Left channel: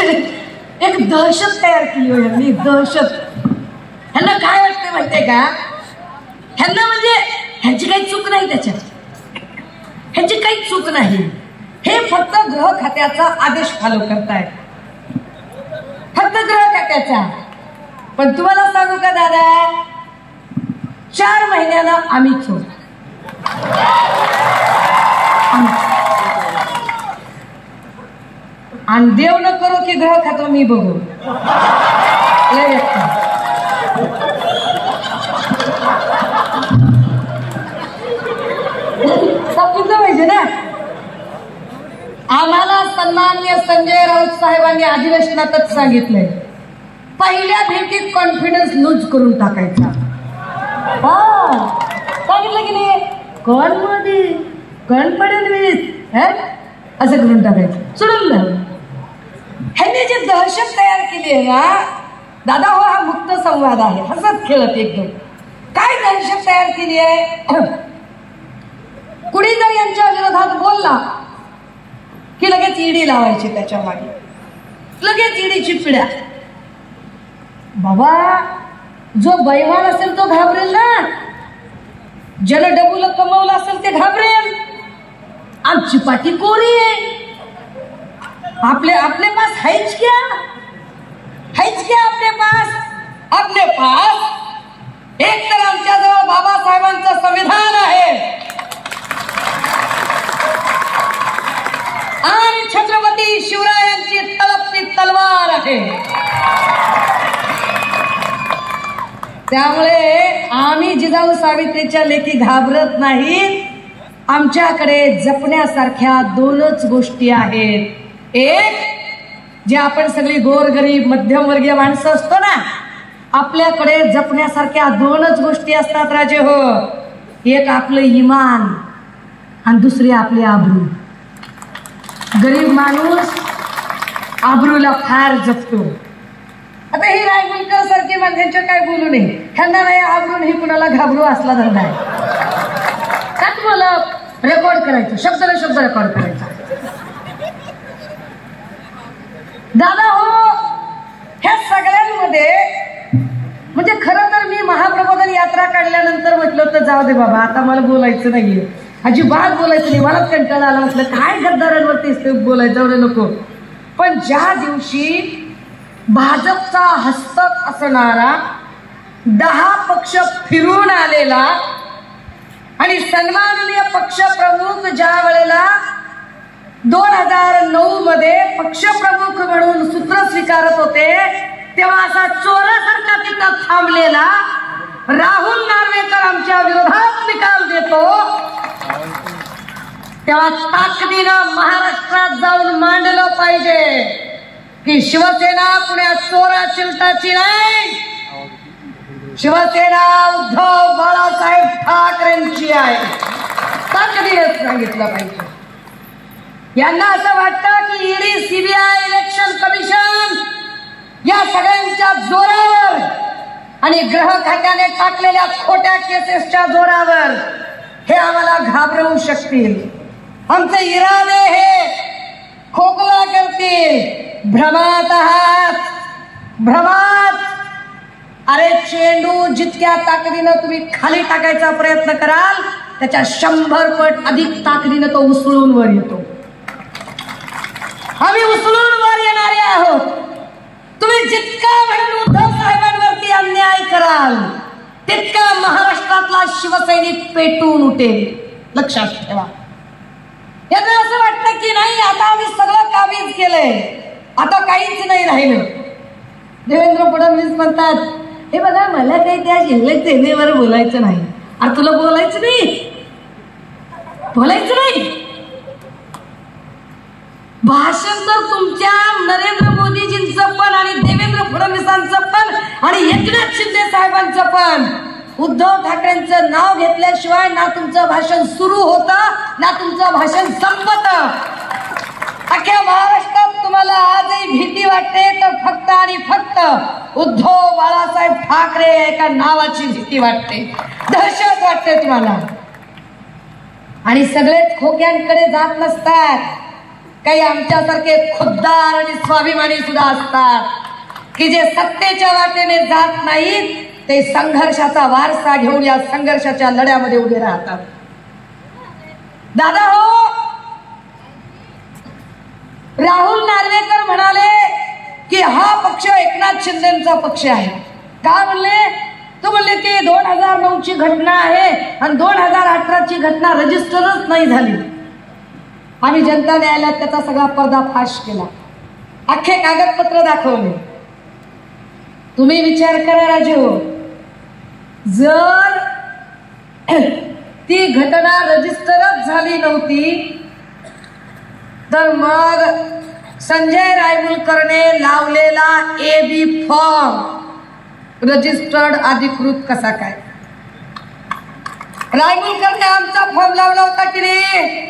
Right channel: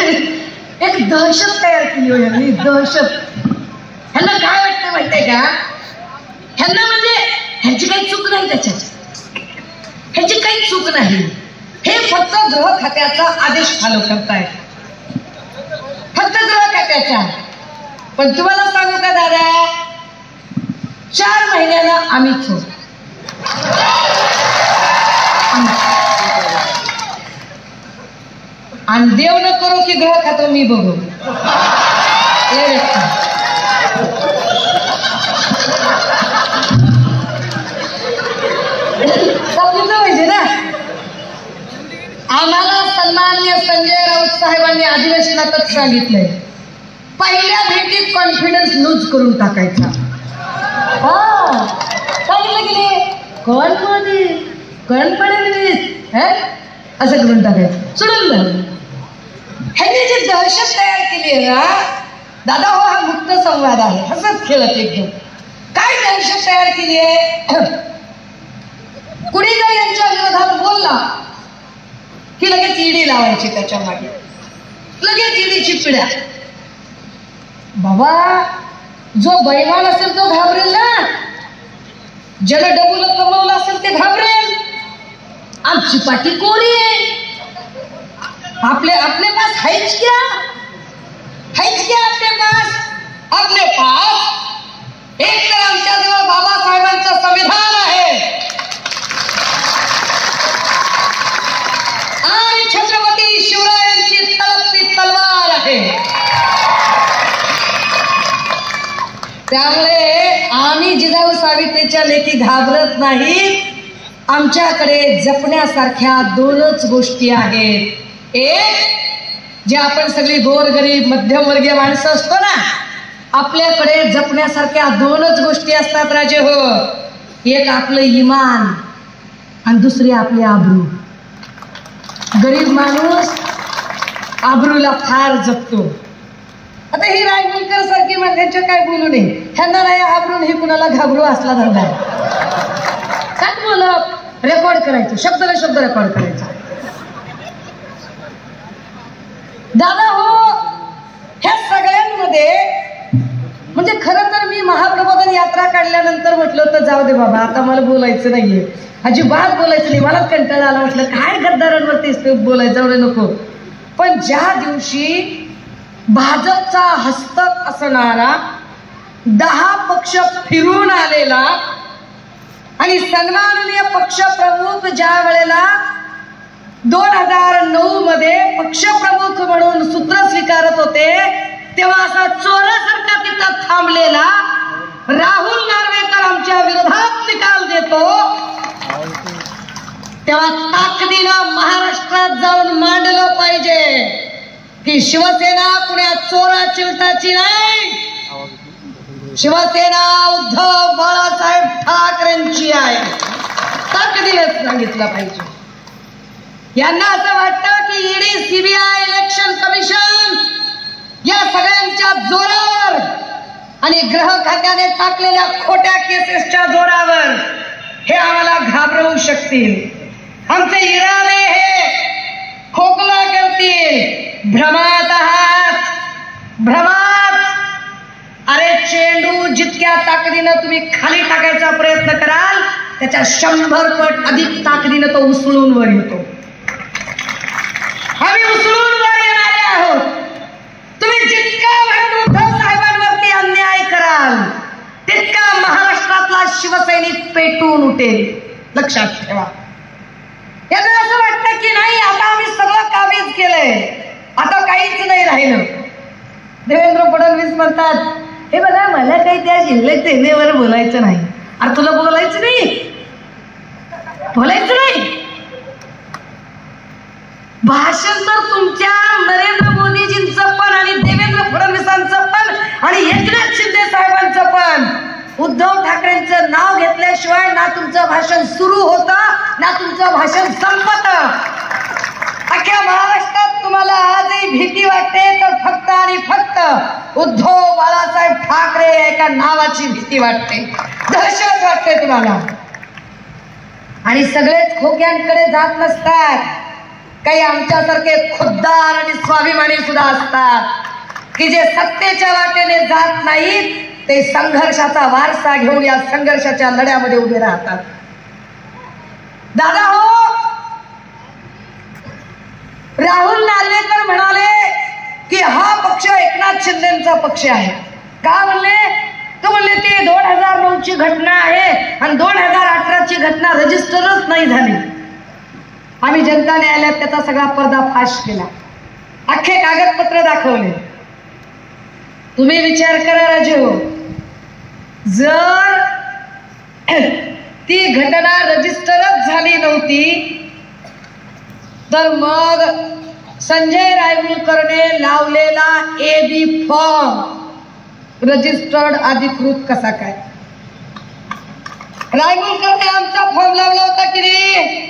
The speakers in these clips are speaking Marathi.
एक दहशत तयार केली हो यांनी, दहशत. ह्यांना काय वाटतं माहितीये का, ह्यांना म्हणजे ह्याची काही चूक नाही, त्याच्यात ह्याची काही चूक नाही. हे फक्त गृह खात्याचा आदेश फॉलो करताय, फक्त गृह खात्याचा. पण तुम्हाला सांगू का दादा, 4 महिन्यानं आम्हीच होतो. आणि देव न करो की ग्रह खातो मी बघू. पाहिजे ना. आम्हाला सन्माननीय संजय राऊत साहेबांनी अधिवेशनातच सांगितलंय, पहिल्या भेटीत कॉन्फिडन्स लूज करून टाकायचा. सांगितलं की कॉन्फिडन्स असं करून टाकायचं, सोडून द्या. ह्यांनी जी दहशत तयार केली आहे ना दादा, हो हा मुक्त संवाद आहे, हसत खेळत एकदम. काय दहशत तयार केली आहे, कुणी जर यांच्या विरोधात बोलला की लगेच ईडी लावायची त्याच्या मागे, लगेच ईडीची पिढ्या. बाबा जो बैमान असेल तो घाबरेल ना, ज्याला डबुल कमवलं असेल ते घाबरेल. आमची पाठी कोणी आहे, अपने पास हैच क्या अपने पास एक तर आमच्याजवळ बाबासाहेबांचं संविधान आहे आणि छत्रपती शिवरायांची तलपती तलवार आहे. त्यामुळे आम्ही जिजाऊ सावित्रीच्या लेखी घाबरत नाही. आमच्याकडे जपण्यासारख्या 2च गोष्टी आहेत. एक, जे आपण सगळी गोरगरीब मध्यमवर्गीय माणसं असतो ना, आपल्याकडे जपण्यासारख्या 2च गोष्टी असतात राजे हो. एक आपलं इमान आणि दुसरी आपली आबरू. गरीब माणूस आबरूला फार जपतो. आता ही रायगुलकर सारखी माणसांच्या काय बोलू नये, ह्यांना नाही आबरून हे कुणाला घाबरू असला धरला आहे. काय बोलत रेकॉर्ड करायचं, शब्दाला शब्द रेकॉर्ड करायचा. दादा हो, ह्या सगळ्यांमध्ये म्हणजे खरं तर मी महाप्रबोधन यात्रा काढल्यानंतर म्हटलं तर जाऊ दे बाबा, आता मला बोलायचं नाहीये, अजिबात बोलायचं नाही, मलाच कंटाळा आला. म्हटलं काय गद्दारांवरती बोलायचं, एवढं नको. पण ज्या दिवशी भाजपचा हस्तक असणारा 10 पक्ष फिरून आलेला आणि सन्माननीय पक्षप्रमुख ज्या वेळेला 2009 मध्ये पक्षप्रमुख म्हणून सूत्र स्वीकारत होते, तेव्हा असा चोरासारखा तिथं थांबलेला राहुल नार्वेकर आमच्या विरोधात निकाल देतो, तेव्हा ताकदीनं महाराष्ट्रात जाऊन मांडलं पाहिजे की शिवसेना पुण्या चोरा चिलटाची नाही, शिवसेना उद्धव बाळासाहेब ठाकरेंची आहे. ताकदीने सांगितलं पाहिजे. यांना असं वाटतं की ईडी, सीबीआय, इलेक्शन कमिशन या सगळ्यांच्या जोरावर आणि गृह खात्याने टाकलेल्या खोट्या केसेसच्या जोरावर हे आम्हाला घाबरवू शकतील. आमचे इराणे हे खोकला करतील. भ्रमात आहात, भ्रमात. अरे चेंडू जितक्या ताकदीनं तुम्ही खाली टाकायचा प्रयत्न कराल त्याच्या 100 पट अधिक ताकदीनं तो उसळून वर येतो. आम्ही उसळून वर येणारे आहोत. तुम्ही जितका उद्धव साहेबांवरती अन्याय कराल तितका महाराष्ट्रातला शिवसैनिक पेटून उठेल, लक्षात ठेवा. यांना असं वाटतं की नाही आता आम्ही सगळं कामीच केलंय, आता काहीच नाही राहिलं. देवेंद्र फडणवीस म्हणतात, हे बघा मला काही त्या शिल्लक सेनेवर बोलायचं नाही. अरे तुला बोलायचं नाही, बोलायचं नाही. भाषण तर तुमच्या नरेंद्र मोदीजींचं पण आणि देवेंद्र फडणवीसांचं पण आणि एकनाथ शिंदे साहेबांचं पण. उद्धव ठाकरेंचं नाव घेतल्याशिवाय ना तुमचं भाषण सुरू होतं ना तुमचं भाषण संपतं. अख्ख्या महाराष्ट्रात तुम्हाला आजही भीती वाटते तर फक्त आणि फक्त उद्धव बाळासाहेब ठाकरे एका नावाची भीती वाटते, दहशत वाटते तुम्हाला. आणि सगळेच खोक्यांकडे जात नसतात. काही आमच्यासारखे खुद्दार आणि स्वाभिमानी सुद्धा असतात की जे सत्तेच्या वाटेने जात नाहीत, ते संघर्षाचा वारसा घेऊन या संघर्षाच्या लढ्यामध्ये उभे राहतात. दादा हो, राहुल नार्वेकर म्हणाले की हा पक्ष एकनाथ शिंदेचा पक्ष आहे. का म्हणले? तो म्हणले ते 2009 ची घटना आहे आणि 2018 ची घटना रजिस्टरच नाही झाली. आम्ही जनता न्यायालयात त्याचा सगळा पर्दाफाश केला, अख्खे कागदपत्र दाखवले. तुम्ही विचार करा राजे हो, जर ती घटना रजिस्टरच झाली नव्हती तर मग संजय रायमुलकरने लावलेला AB फॉर्म रजिस्टर्ड अधिकृत कसा काय? रायमुलकरने आमचा फॉर्म लावला होता की नाही?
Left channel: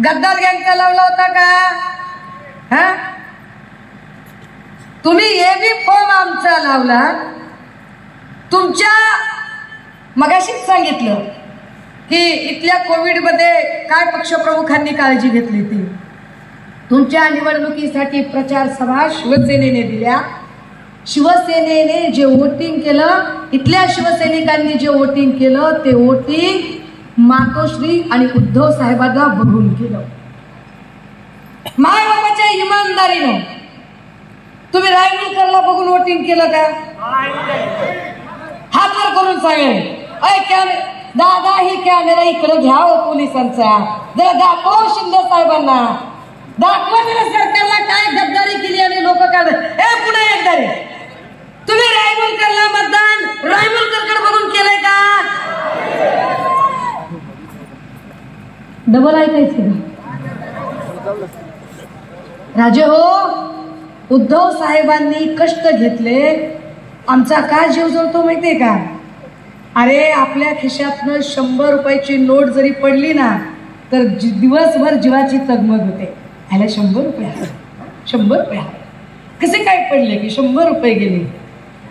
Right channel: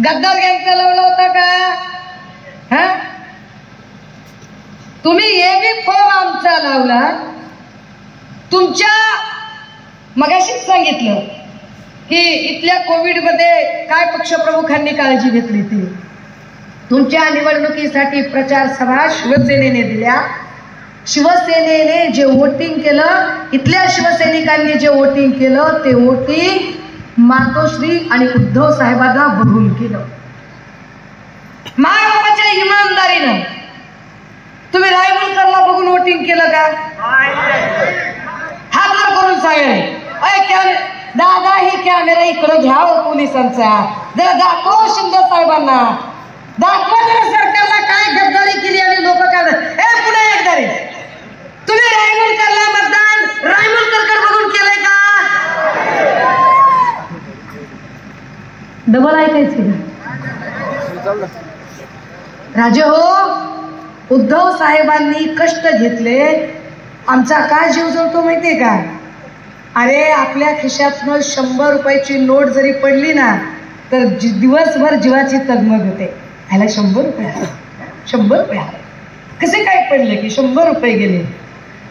गद्दार गँगचा लावला होता का? तुम्ही AB फॉर्म आमचा लावला. तुमच्या मगाशीच सांगितलं की इथल्या कोविडमध्ये काय पक्षप्रमुखांनी काळजी घेतली ती. तुमच्या निवडणुकीसाठी प्रचार सभा शिवसेनेने दिल्या. शिवसेनेने जे वोटिंग केलं, इथल्या शिवसैनिकांनी जे वोटिंग केलं, ते वोटिंग मातोश्री आणि उद्धव साहेबांना बघून केलं. महाराष्ट्राच्या इमानदारीनं तुम्ही रायमुलकरला बघून वोटिंग केलं का? हात वर करून सांगेल. दादा हे कॅमेरा इकडे घ्या हो पोलिसांचा, जरा दाखव शिंदे साहेबांना, दाखवा जरा सरकारला काय गद्दारी केली आणि लोक काय. पुढे एकदा रे, तुम्ही रायमुलकरला मतदान रायमुलकरकडे बघून केलंय का? डबल ऐकायचं राजे हो. उद्धव साहेबांनी कष्ट घेतले. आमचा काय जीव जळतो माहितीये का? अरे आपल्या खिशातनं 100 रुपयाची नोट जरी पडली ना तर दिवसभर जीवाची तगमग होते. ह्याला 100 रुपये, 100 रुपये कसे काय पडले की 100 रुपये गेले.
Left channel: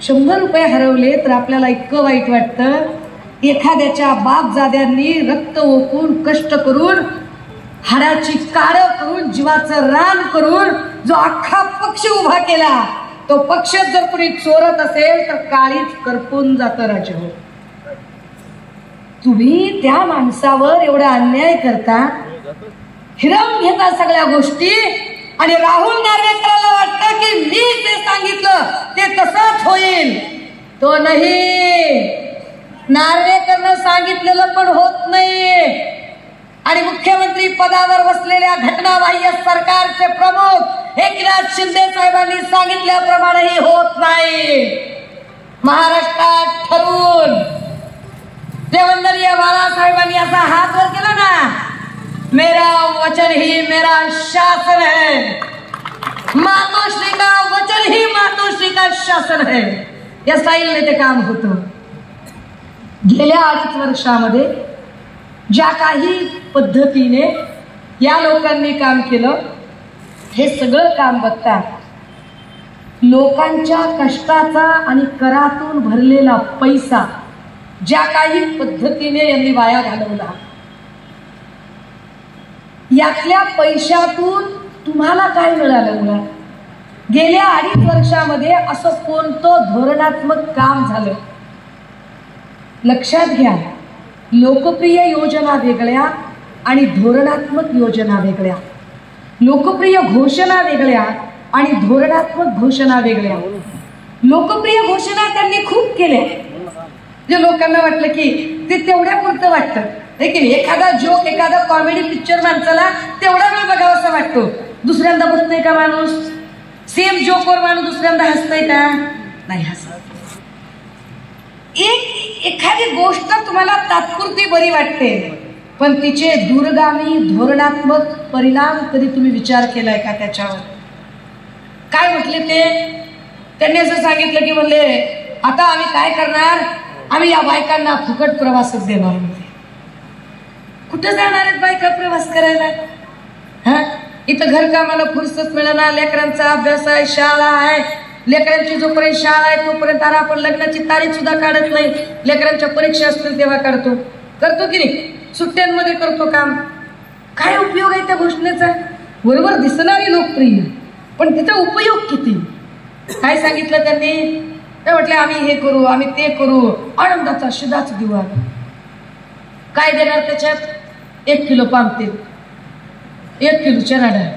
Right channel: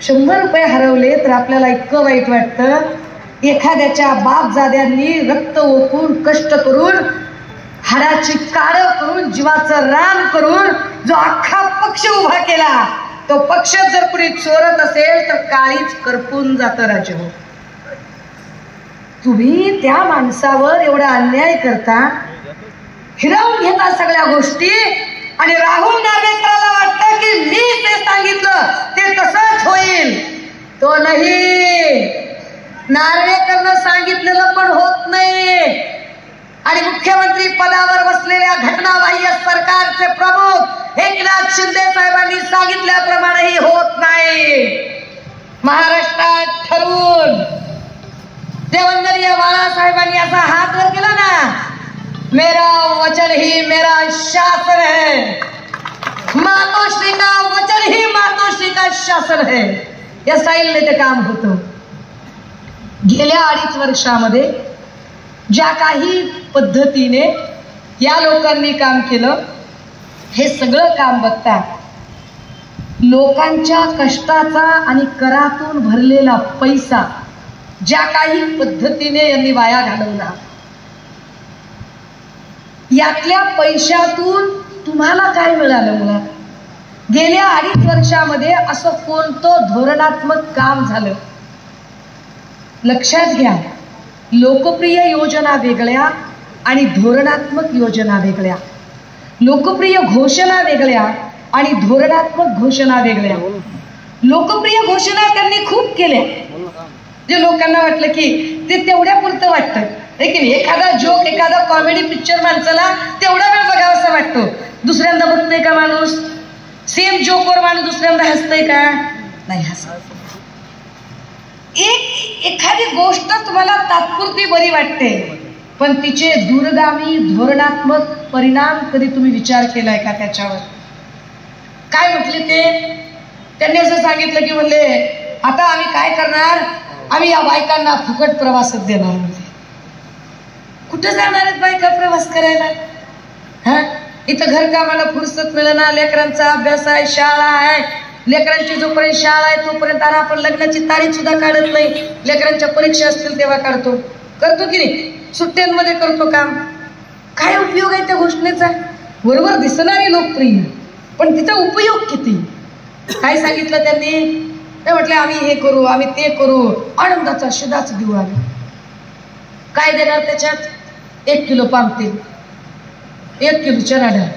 100 रुपये हरवले तर आपल्याला इतकं वाईट वाटतं. एखाद्याच्या बापजाद्यांनी रक्त ओकून कष्ट करून हाडाची काळं करून जीवाचं रान करून जो अख्खा पक्ष उभा केला, तो पक्ष जर कुणी चोरत असेल तर काळीच करपून जातं राजे हो. तुम्ही त्या माणसावर एवढा अन्याय करता, हिरावून घेता सगळ्या गोष्टी, आणि राहुल नार्वेकरला वाटतं की मी ते सांगितलं ते तसंच होईल. तो नाही, नार्वेकरनं सांगितलेलं पण होत नाही. आणि मुख्यमंत्री पदावर बसलेल्या घटनाबाह्य सरकारचे प्रमुख एकनाथ शिंदे साहेबांनी सांगितल्याप्रमाणेही होत नाही. महाराष्ट्रात ठरवून देवेंद्र बाळासाहेबांनी असा हात वर केला ना, मेरा वचन ही मेरा शासन है, मातोश्री का वचन ही मातोश्री का शासन है, या स्टाईलने ते काम होतं. गेल्या 2.5 वर्षामध्ये ज्या काही पद्धतीने या लोकांनी काम केलं, हे सगळं काम बघता लोकांच्या कष्टाचा आणि करातून भरलेला पैसा ज्या काही पद्धतीने यांनी वाया घालवला, यातल्या पैशातून तुम्हाला काय मिळालं? मुळात गेल्या 2.5 वर्षामध्ये असं कोणतं धोरणात्मक काम झालं? लक्षात घ्या, लोकप्रिय योजना वेगळ्या आणि धोरणात्मक योजना वेगळ्या. लोकप्रिय घोषणा वेगळ्या आणि धोरणात्मक घोषणा वेगळ्या. लोकप्रिय घोषणा त्यांनी खूप केल्या, जे लोकांना वाटलं की ते तेवढ्या पुरतं वाटतं, आहे की नाही? एखादा जोक, एखादा कॉमेडी पिक्चर माणसाला तेवढा वेळ बघावासा वाटतो. दुसऱ्यांदा बघतोय का माणूस? सेम जोकवर माणूस दुसऱ्यांदा हसतंय का? नाही हसत. एखादी गोष्ट तुम्हाला तात्पुरती बरी वाटते, पण तिचे दूरगामी धोरणात्मक परिणाम कधी तुम्ही विचार केलाय का त्याच्यावर? काय म्हटले ते? त्यांनी असं सांगितलं की म्हणले आता आम्ही काय करणार, आम्ही या बायकांना फुकट प्रवासच देणार. म्हणजे कुठे जाणार आहेत बायका प्रवास करायला? हा, इथं घरकामाला फुरसत मिळणार, लेकरांचा अभ्यास आहे, शाळा आहे, लेकरांची जोपर्यंत शाळा आहे तोपर्यंत आपण लग्नाची तारीख सुद्धा काढत नाही. लेकरांच्या परीक्षा असतील तेव्हा काढतो, करतो की नाही? सुट्ट्यांमध्ये करतो काम. काय उपयोग आहे त्या घोषणेचा? वरवर दिसणारी लोकप्रिय, पण तिचा उपयोग किती? काय सांगितलं त्यांनी? ते म्हटलं आम्ही हे करू, आम्ही ते करू, आनंदाचा शिदाच देऊ आम्ही. काय देणार त्याच्यात? 1 किलो पाम तेल, 1 किलो चणा डाळ.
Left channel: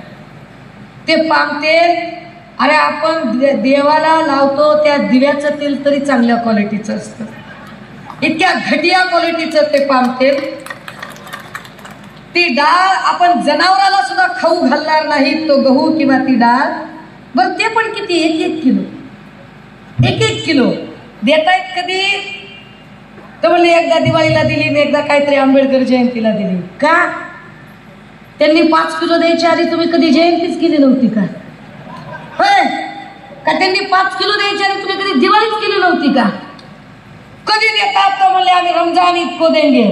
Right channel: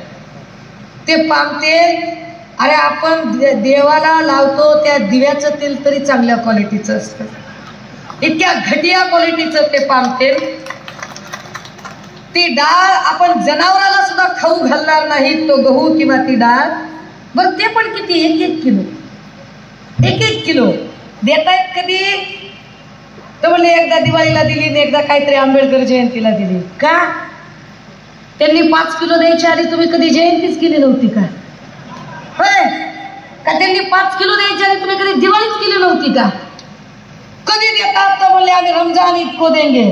ते पाम तेल, अरे आपण देवाला लावतो त्या दिव्याचं तेल तरी चांगल्या क्वालिटीचं असतं, इतक्या घटिया क्वालिटीचं ते पाम तेल. ती डाळ आपण जनावराला सुद्धा खाऊ घालणार नाही, तो गहू किंवा ती डाळ. बरं ते पण किती? 1-1 किलो, 1-1 किलो देतायत. कधी तर म्हणले एकदा दिवाळीला दिली आणि एकदा काहीतरी आंबेडकर जयंतीला दिली. का? त्यांनी 5 किलो द्यायच्या आधी तुम्ही कधी जयंतीच केली नव्हती का? होय का? त्यांनी 5 किलो द्यायच्या आधी तुम्ही कधी दिवाळीच केली नव्हती का? कधी देतात तर म्हणले आम्ही रमजान ईद को देंगे.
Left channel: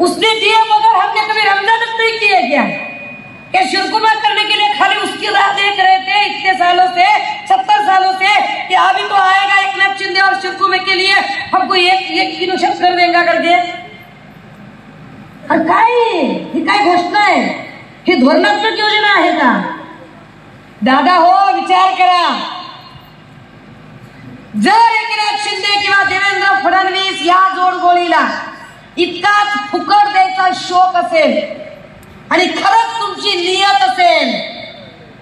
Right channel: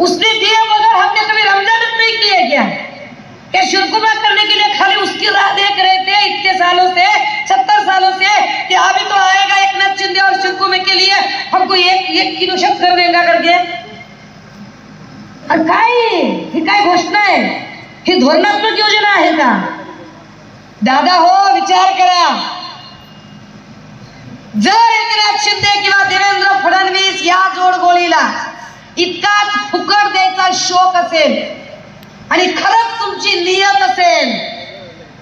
उसने दिए मगर हमने कभी रमजान नहीं किए क्या? क्या शुरकुमा करने के लिए खाली उसकी राह देख रहे थे इतने सालों से, 70 सालों से, कि अभी तो आएगा एक नाथ शिंदे और शुरकुमे के लिए हमको एक किलो शक्कर देंगे करके. और काय ही काय घोषणा आहे? ही धोरणात्मक योजना आहे का? दादा हो, विचार करा. जर एकनाथ शिंदे किंवा देवेंद्र फडणवीस या जोडगोळीला इतकाच फुकट द्यायचा शौक असेल आणि खरंच तुमची नियत असेल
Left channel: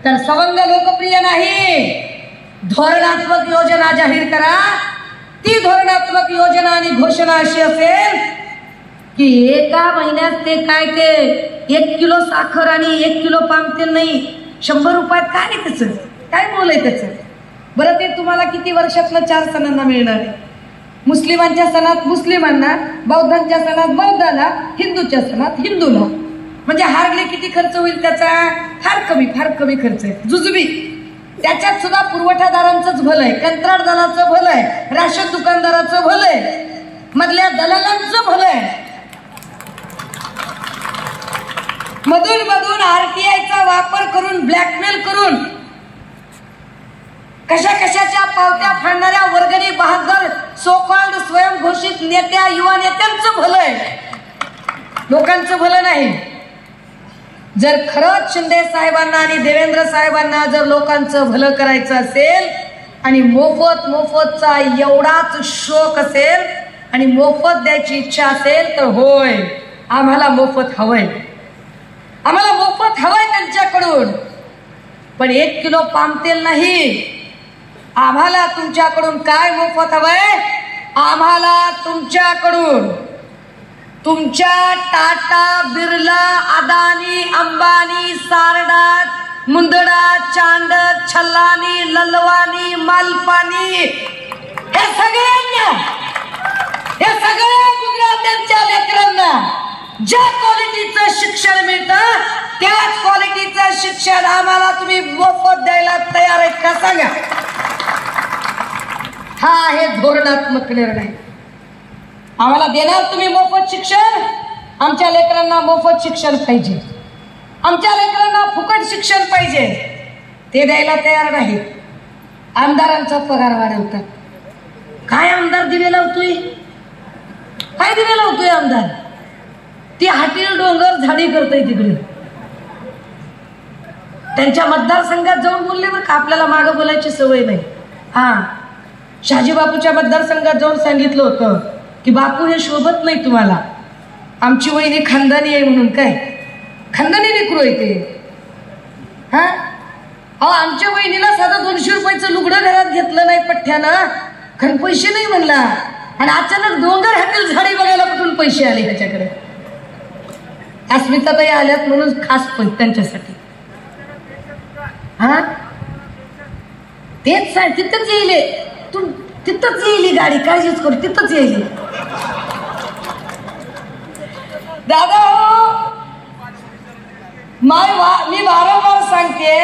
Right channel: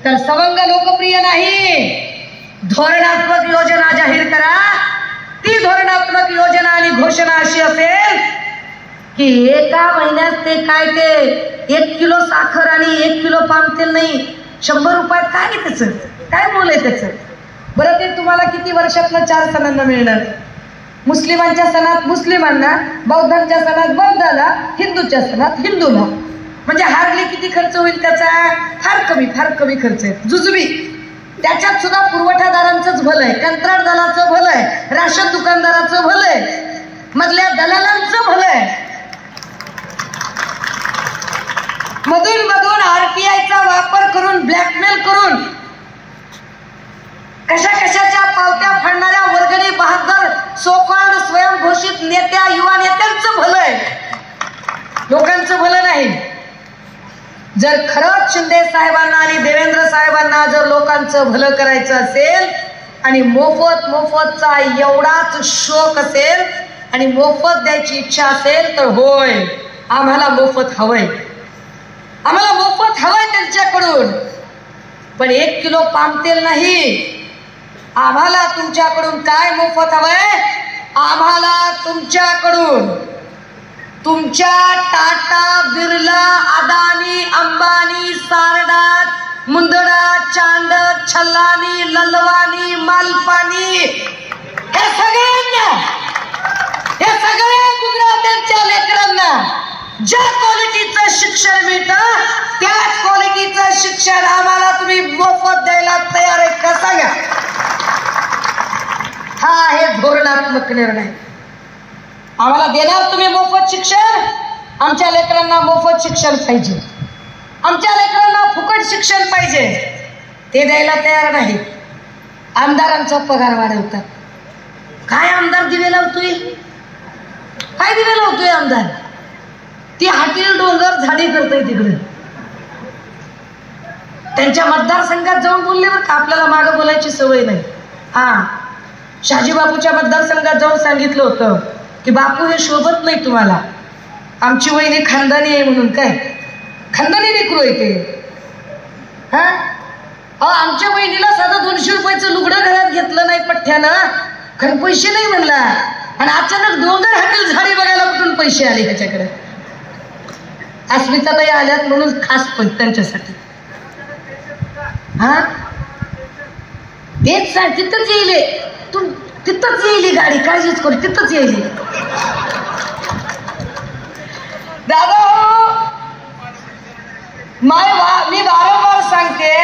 तर सवंग लोकप्रिय नाही, धोरणात्मक योजना जाहीर करा. ती धोरणात्मक योजना आणि घोषणा अशी असेल की एका महिन्यात ते काय ते 1 किलो साखर आणि 1 किलो पाम तेल नाही, 100 रुपयात काय आहे त्याचं? काय मोल आहे त्याचं? बरं ते तुम्हाला किती वर्षातलं 4 सणांना मिळणार? मुस्लिमांच्या सणात मुस्लिमांना, बौद्धांच्या सणात बौद्धाला, हिंदूच्या सणात हिंदूला. म्हणजे हार्डली किती खर्च होईल त्याचा? फार कमी खर्च आहे. जुजबी त्याच्यात सुद्धा पुरवठादारांचंच भलं आहे, कंत्राटदाराचं भलं आहे, राशन दुकानदाराचं भलं आहे, मधल्या दलालांचं भलं आहे. मधून आरटीआयचा वापर करून ब्लॅकमेल करून कशाच्या पावत्या फाडणाऱ्या वर्गणी बहादर सोकॉल्ड स्वयंघोषित नेत्या, युवा नेत्यांचं भलं आहे, लोकांचं भलं नाही. जर खरंच शिंदे साहेबांना आणि देवेंद्र साहेबांना जर लोकांचं भलं करायचं असेल आणि मोफतचा एवढाच शौक असेल आणि मोफत द्यायची इच्छा असेल तर होय, आम्हाला मोफत हवंय, आम्हाला मोफत हवंय त्यांच्याकडून. पण 1 किलो पाम तेल नाही. आम्हाला तुमच्याकडून काय मोफत हवंय? आम्हाला तुमच्याकडून तुमच्या टाटा, बिर्ला, अदानी, अंबानी, सारडात, मुंदडा, चांडक, छल्लानी, ललवानी, मालपानी, हे सगळ्या गुजरातेच्या लेकरांना ज्या क्वालिटीचं शिक्षण मिळतं त्याच क्वालिटीचं शिक्षण आम्हाला तुम्ही मोफत द्यायला तयार आहेत का? सांगा. हा आहे धोरणात्मक निर्णय. आम्हाला देणार तुम्ही मोफत शिक्षण, आमच्या लेकरांना मोफत शिक्षण पाहिजे, आमच्या लेकरांना फुकट शिक्षण पाहिजे, ते द्यायला तयार नाही. आमदारांचा पगार वाढवतात. काय आमदार दिवे लावतोय? काय दिवे लावतोय आमदार? ती हातील डोंगर झाडी करतोय तिकडे. त्यांच्या मतदारसंघात जाऊन बोलले बरं का, आपल्याला मागं बोलायची सवय नाही. शहाजी बापूच्या मतदारसंघात जाऊन सांगितलं होतं की बापू हे शोभत नाही तुम्हाला, आमची वहिनी खानदानी आहे म्हणून. काय खानदानी लेकरू आहे ते? आमच्या वहिनीला साधं 200 रुपयाचं लुगडं घरात घेतलं नाही पठ्ठ्यानं, कारण पैसे नाही म्हणला, आणि अचानक डोंगर हातील झाडी बघायला कुठून पैसे आले त्याच्याकडे. अस्मिताताई आल्यात म्हणून खास पण त्यांच्यासाठी. तेच सांग, तिथंच येईल तू, तिथंच येईल गाडी, काळजीच करू, तिथंच येईल. दादा मी वारंवार सांगते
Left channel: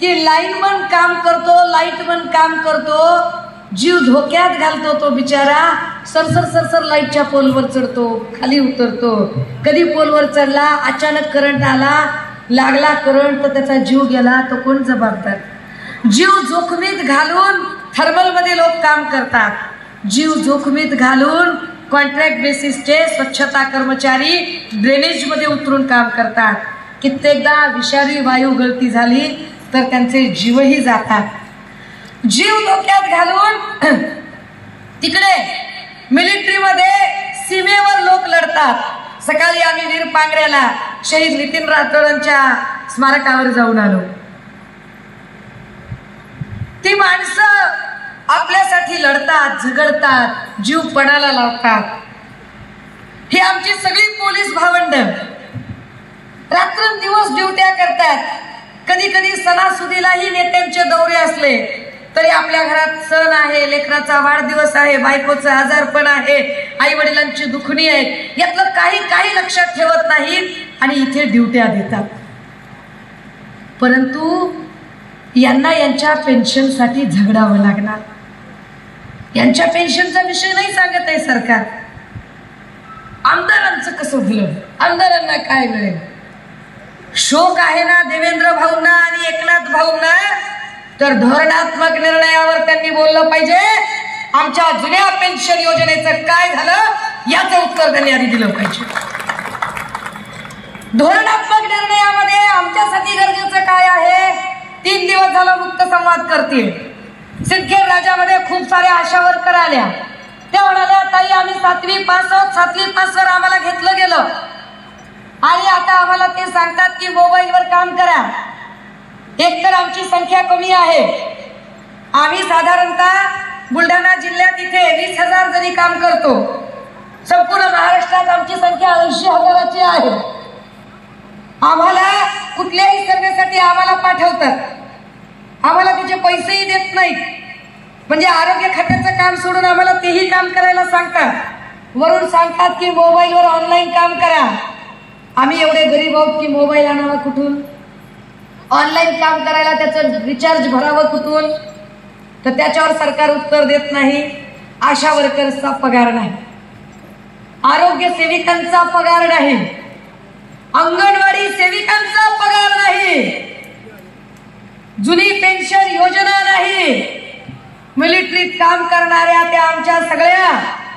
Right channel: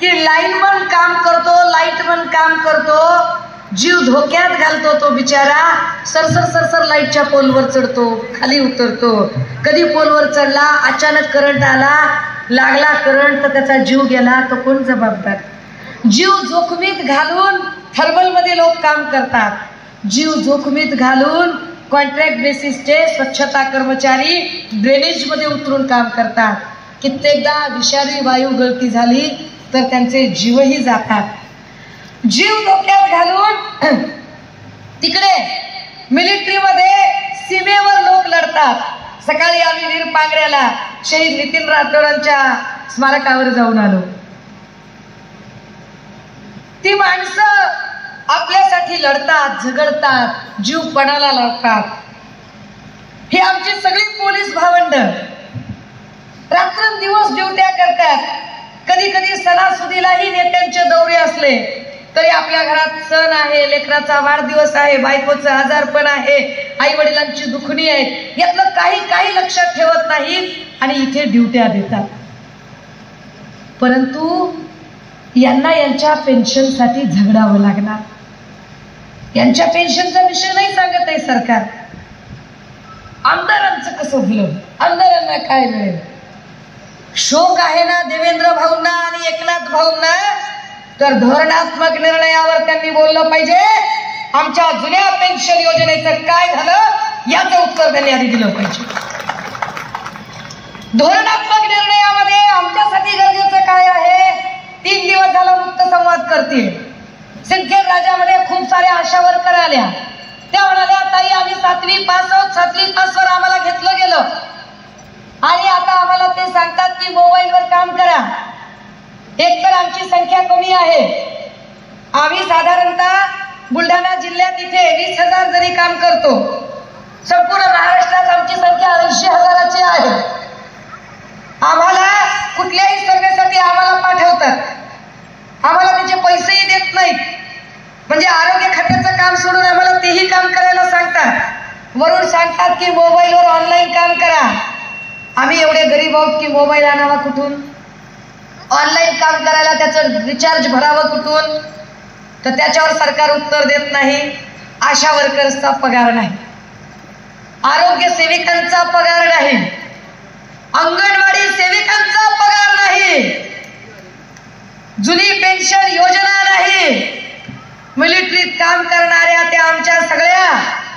की लाईनमन काम करतो, लाईटमन काम करतो, जीव धोक्यात घालतो तो बिचारा. सरसर लाईटच्या पोलवर चढतो, खाली उतरतो. कधी पोलवर चढला, अचानक करंट आला, लागला करंट तर त्याचा जीव गेला, तो कोण जबाबदार? जीव जोखमीत घालून थर्मलमध्ये लोक काम करतात, जीव जोखमीत घालून कॉन्ट्रॅक्ट बेसिसचे स्वच्छता कर्मचारी ड्रेनेज मध्ये उतरून काम करतात. कित्येकदा विषारी वायू गळती झाली तर त्यांचे जीवही जातात. जीव धोक्यात घालून तिकडे मिलिटरीमध्ये सीमेवर लोक लढतात. सकाळी आम्ही वीरपांगऱ्याला शहीद नितीन राठोडांच्या स्मारकावर जाऊन आलो. ती माणसं आपल्यासाठी लढतात, झगडतात, जीव पणाला लावतात. ही आमची सगळी पोलीस भावंड रात्रंदिवस ड्युट्या करतात. कधी कधी सणासुदीलाही नेत्यांचे दौरे असले तरी आपल्या घरात सण आहे, लेकराचा वाढदिवस आहे, बायकोचं आजारपण आहे, आई वडिलांची दुखणी आहे, यातलं काही लक्षात ठेवत नाहीत आणि इथे ड्युट्या देतात. परंतु यांना यांच्या पेन्शनसाठी झगडावं लागणार. यांच्या पेन्शनचा विषय नाही सांगत आहे सरकार. आमदारांचं कसं दिलं, आमदारांना काय मिळेल. शोक आहे ना देवेंद्र भाऊंना आणि एकनाथ भाऊंना, तर धोरणात्मक निर्णयावर त्यांनी बोललं पाहिजे. आमच्या जुन्या पेन्शन योजनेचं काय झालं याचं उत्तर त्यांनी आधी दिलं पाहिजे. धोरणात्मक निर्णयामध्ये आमच्यासाठी गरजेचं काय आहे. 3 दिवस झाला मुक्त संवाद करते. सिंदखेड राजामध्ये खूप साऱ्या आशा वर्कर आल्या. त्या म्हणाल्या ताई आम्ही 7वी पास आहोत, 7वी पासवर आम्हाला घेतलं गेलं आणि आता आम्हाला ते सांगतात की मोबाईलवर काम करा. एकतर आमची संख्या कमी आहे. आम्ही साधारणतः बुलढाणा जिल्ह्यात इथे 20,000 जरी काम करतो. संपूर्ण महाराष्ट्रात आमची संख्या 80,000ची आहे. आम्हाला कुठल्याही सर्वेसाठी आम्हाला पाठवतात, आम्हाला त्याचे पैसेही देत नाहीत. म्हणजे आरोग्य खात्याचं काम सोडून आम्हाला तेही काम करायला सांगतात. वरून सांगतात की मोबाईलवर ऑनलाईन काम करा. आम्ही एवढे गरीब आहोत की मोबाईल आणावा कुठून, ऑनलाईन काम करायला त्याचं रिचार्ज भरावं कुठून. तर त्याच्यावर सरकार उत्तर देत नाही. आशा वर्कर्सचा पगार नाही, आरोग्य सेविकांचा पगार नाही, अंगणवाडी सेविकांचा पगार नाही, जुनी पेन्शन योजना नाही. मिलिटरीत काम करणाऱ्या त्या आमच्या सगळ्या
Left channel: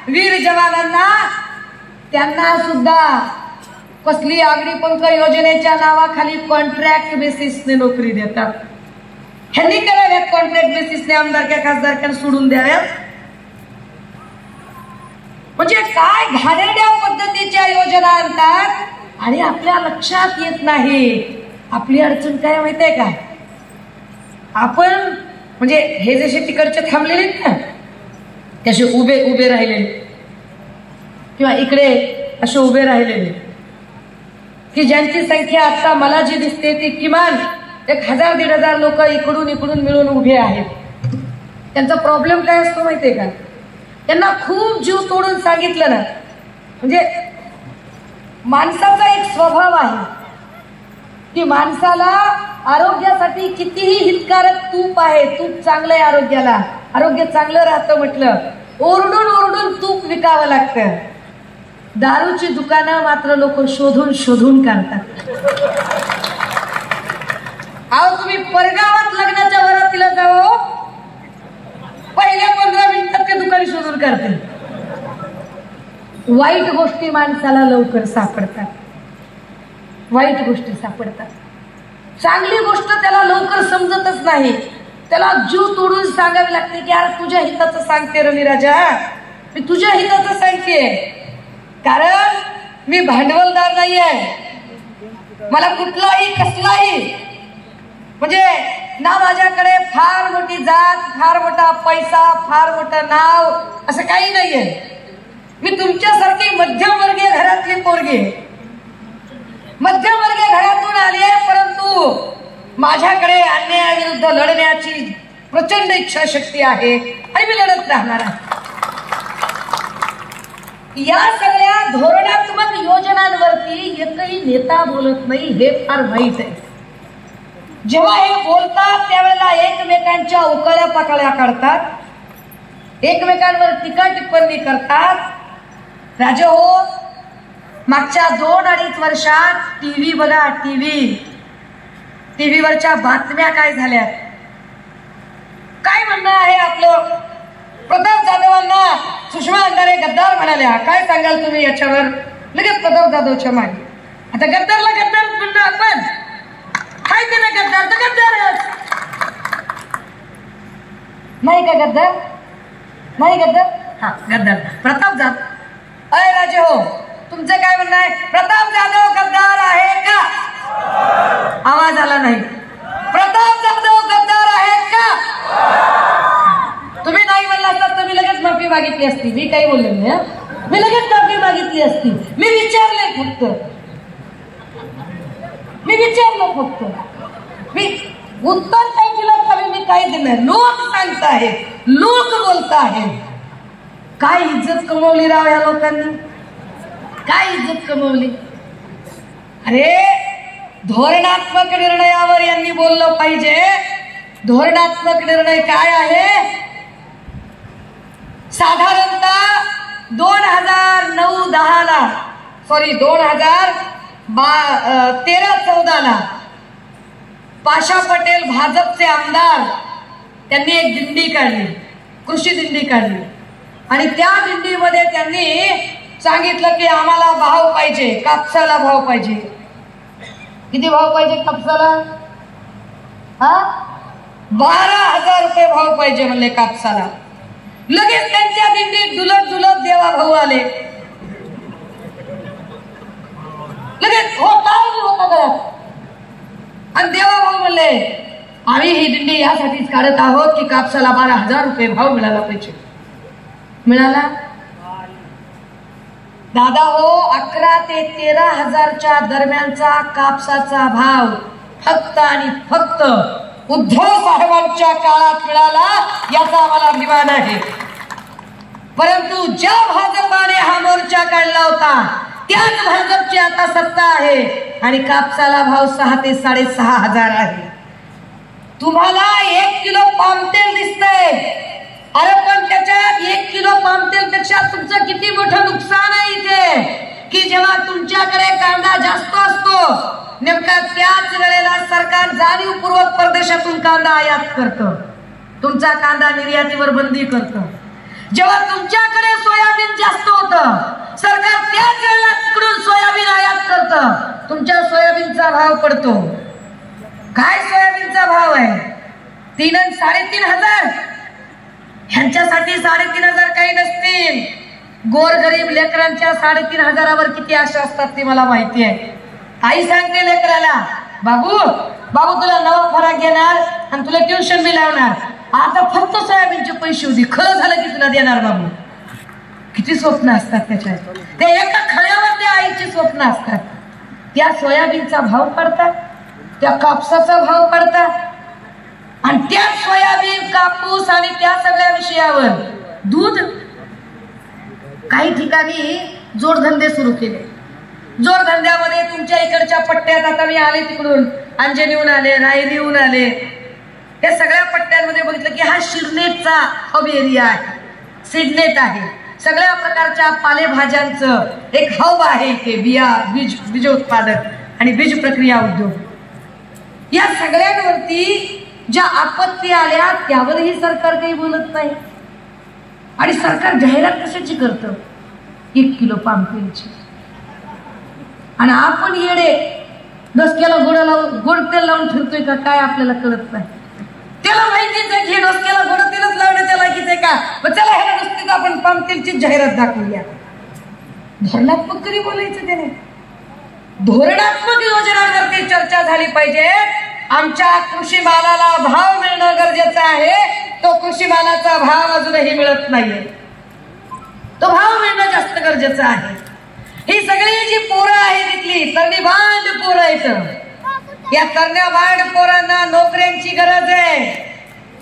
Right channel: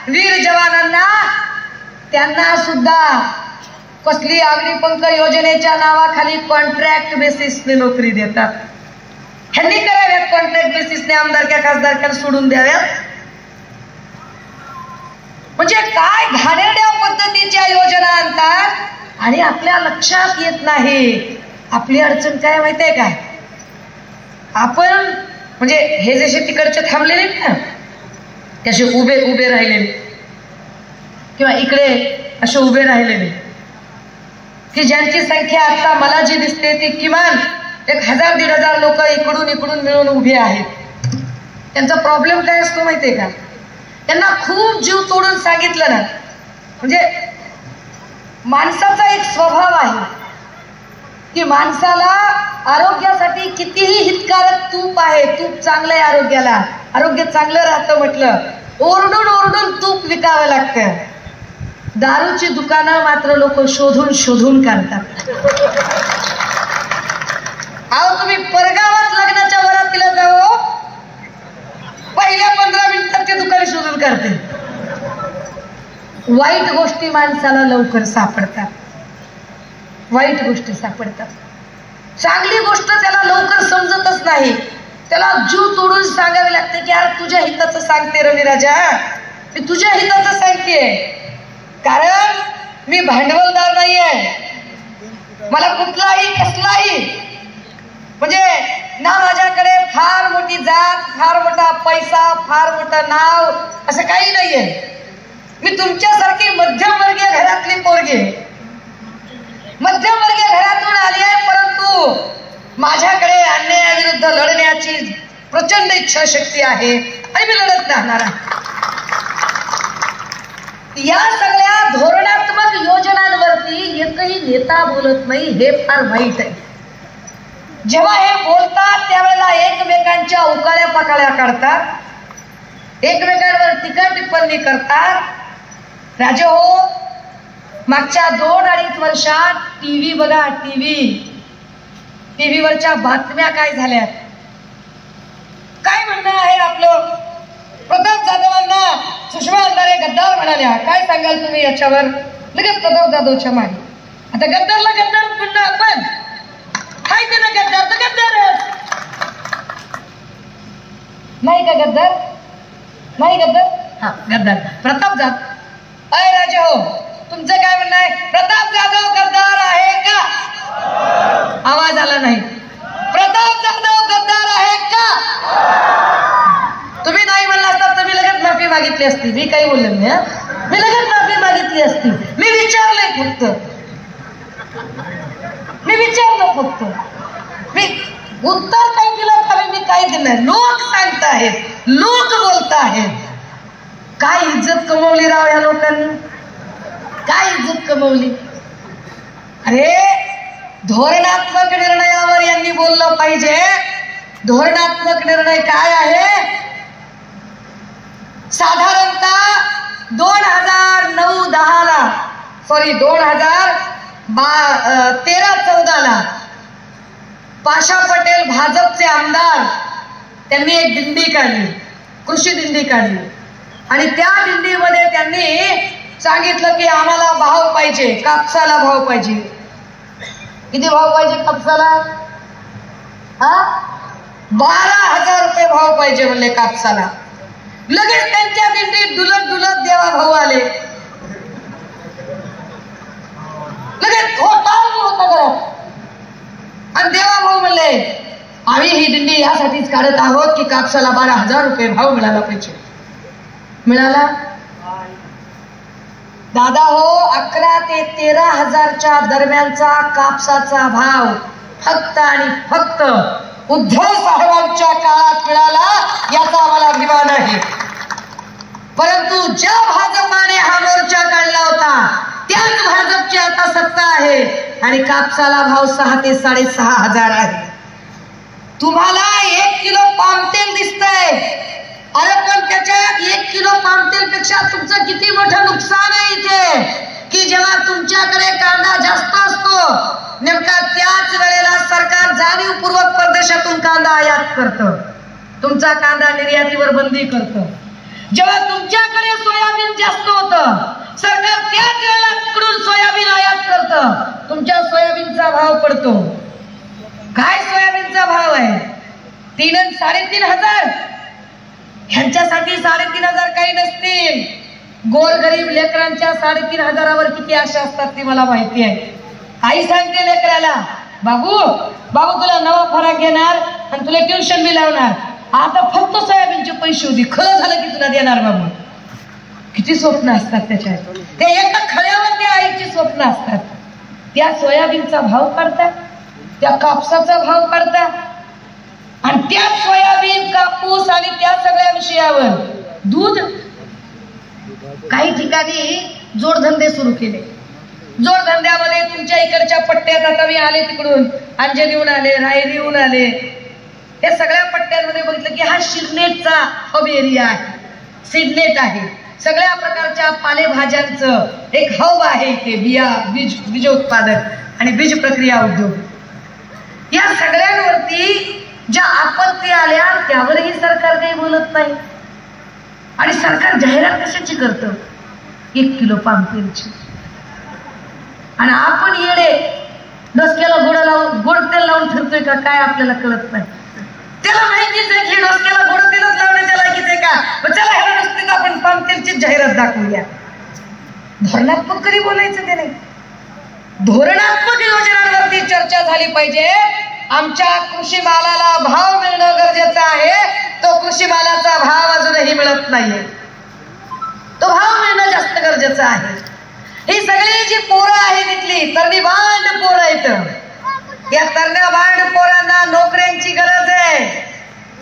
वीर जवानांना त्यांना सुद्धा कसली अग्निपंख योजनेच्या नावाखाली कॉन्ट्रॅक्ट बेसिसने नोकरी देतात. ह्यांनी कराव्यात कॉन्ट्रॅक्ट बेसिसने आमदारक्या खासदारक्या सोडून द्याव्यात. म्हणजे काय घाणेरड्या पद्धतीच्या योजना आणतात आणि आपल्या लक्षात येत नाही. आपली अडचण काय माहितीये का, आपण म्हणजे हे जसे तिकडचे थांबलेले ना त्याचे उभे राहिलेले किंवा इकडे असे उभे राहिलेले की ज्यांची संख्या आता मला जी दिसते ती किमान 1000-1500 लोक इकडून मिळून उभे आहेत. त्यांचा प्रॉब्लेम काय असतो माहितीये का, त्यांना खूप जीव तोडून सांगितलं ना. म्हणजे माणसाचा एक स्वभाव आहे की माणसाला आरोग्यासाठी कितीही हितकारक तूप आहे, तूप चांगलं आहे आरोग्याला, आरोग्य चांगलं राहतं म्हटलं, ओरडून तूप विकावं लागतं. दारूची दुकानं मात्र लोक शोधून काढतात. अहो तुम्ही परगावात लग्नाच्या वरातीला जाओ, पहिल्या 15 मिनिटात ते दुकान शोधून काढते. वाईट गोष्टी माणसाला लवकर सापडतात, वाईट गोष्टी सापडतात. चांगली गोष्ट त्याला लवकर समजतच नाही. त्याला जीव तोडून सांगावी लागते की यार तुझ्या हिताचं सांगते रवी राजा, मी तुझ्या हिताचं सांगते. कारण मी भांडवलदार नाही आहे, मला कुठलाही कसलाही म्हणजे ना माझ्याकडे फार मोठी जात, फार मोठा पैसा, फार मोठं नाव असं काही नाहीये. मी तुमच्यासारखी मध्यमवर्गीय घरातली पोरगी, मध्यमवर्गीय घरातून आली आहे, परंतु माझ्याकडे अन्यायाविरुद्ध लढण्याची प्रचंड इच्छाशक्ती आहे आणि मी लढत राहणार आहे. या सगळ्या धोरणात्मक योजनांवरती एकही नेता बोलत नाही, हे फार वाईट आहे. जेव्हा हे बोलतात त्यावेळेला एकमेकांच्या उकाळ्या पकाळ्या काढतात, एकमेकांवर टीका टिप्पणी करतात. राजे हो, मागच्या 2-2.5 वर्षात टीव्ही बघा, टीव्हीवरच्या बातम्या काय झाल्या. काय म्हणणं आहे आपलं, प्रताप जाधवांना सुषमा अंधारे गद्दार म्हणाल्या. काय सांगाल तुम्ही याच्यावर? लगेच प्रताप जाधवच्या मागे. आता गद्दारला गद्दार म्हणणं आपण काय ते ना, गद्दार तर गद्दारच नाही का? गद्दार नाही, गद्दार हा गद्दार. प्रताप जाधव अय राजे हो, तुमचं काय म्हणणं आहे? प्रताप जाधव गद्दार आहे का? आवाज आला नाही. प्रताप जाधव गद्दार आहे का? तुम्ही नाही म्हणला तर तुम्ही लगेच माफी मागितली असती. मी काही बोलले नाही, मी लगेच माफी मागितली असती. मी विचारलंय फक्त, मी विचारलं फक्त. मी उत्तर काय दिलं खरं मी काय दिलं? लोक सांगतायत, लोक बोलतायत. काय इज्जत कमवली राव या लोकांनी, काय इज्जत कमवली. अरे धोरणात्मक निर्णयावर यांनी बोललं पाहिजे. धोरणात्मक निर्णय काय आहे? साधारणतः 2009-10ला सॉरी 2013-14ला पाशा पटेल भाजपचे आमदार त्यांनी एक दिंडी काढली, कृषी दिंडी काढली. आणि त्या दिंडीमध्ये त्यांनी सांगितलं की आम्हाला भाव पाहिजे, कापसाला भाव पाहिजे. किती भाव पाहिजे कापसाला? 12,000 रुपये भाव पाहिजे म्हणले कापसाला. लगेच त्यांच्या दिंडीत दुलत दुलत देवा भाऊ आले. लगेच होता आणि देवा भाऊ म्हणले आम्ही ही दिंडी यासाठीच काढत आहोत की कापसाला 12,000 रुपये भाव मिळाला पाहिजे. मिळाला दादा हो. 11 ते 13,000च्या दरम्यानचा कापसाचा भाव फक्त आणि फक्त उद्धव साहेबांच्या काळात मिळाला, याचा आम्हाला अभिमान आहे. परंतु ज्या भाजपाने हा मोर्चा काढला होता त्याच भाजपची आता सत्ता आहे आणि कापसाला भाव 6,000 ते 6,500 आहे. तुम्हाला 1 किलो पाम तेल दिसतंय. अरे पण त्याच्यात 1 किलो पाम तेल पेक्षा तुमचं किती मोठं नुकसान आहे इथे, की जेव्हा तुमच्याकडे कांदा जास्त असतो नेमका त्याच वेळेला सरकार जाणीवपूर्वक परदेशातून कांदा आयात करतं, तुमचा कांदा निर्यातीवर बंदी करतं. जेव्हा तुमच्याकडे सोयाबीन जास्त होतं सरकार त्याच वेळेला तिकडून सोयाबीन आयात करतं, तुमच्या सोयाबीनचा भाव पडतो. काय सोयाबीनचा भाव आहे? 3 आणि 3,500. ह्यांच्यासाठी 3,500 काही नसतील. गोरगरीब लेकरांच्या 3,500वर किती आशा असतात ती मला माहिती आहे. आई सांगते लेकराला, बाबू बाबू तुला नवा फराक घेणार आणि तुला ट्युशन बी लावणार, आता फक्त सोयाबीनचे पैसे होती, खरं झालं की तुला देणार बाबू. किती स्वप्न असतात त्याच्यात, ते एका खळ्यावर त्या आईची स्वप्न असतात. त्या सोयाबीनचा भाव पडतात, त्या कापसाचा भाव पडतात आणि त्या सोयाबीन कापूस आणि त्या सगळ्या विषयावर दूध. काही ठिकाणी जोडधंदे सुरू केले. जोडधंद्यामध्ये तुमच्या इकडच्या पट्ट्यात, आता मी आले तिकडून अंजनीहून आले, रायरीहून आले, त्या सगळ्या पट्ट्यांमध्ये बघितलं की हा शिरनेटचा हब एरिया आहे, सिडनेट आहे. सगळ्या प्रकारच्या पालेभाज्यांचं एक हब आहे इथे. बीज उत्पादन आणि बीज प्रक्रिया उद्योग. या सगळ्यांवरती ज्या आपत्ती आल्या त्यावरही सरकार काही बोलत नाही. आणि सरकार जाहिरात कशाची करतं? 1 किलो पाम तेलची. आणि आपण येडे डोसक्याला गोड तेल लावून फिरतोय का काय आपल्याला कळत नाही. त्याला माहितीच आहे की डोसक्याला गोड तेलच लावण्याच्या लायकीच आहे का, मग चला ह्या रस्त्यात आपण पाम तेलची जाहिरात दाखवूया. धोरणात्मक कधी बोलायचं ते नाही. धोरणात्मक योजनांवरती चर्चा झाली पाहिजे. आमच्या कृषी मालाला भाव मिळणं गरजेचं आहे. तो कृषी मालाचा भाव अजूनही मिळत नाहीये, तो भाव मिळणं जास्त गरजेचं आहे. ही सगळी जी पोरं आहेत इथली तरणी बांड पोरं आहेत. या तरण्या बांड पोरांना नोकऱ्यांची गरज आहे,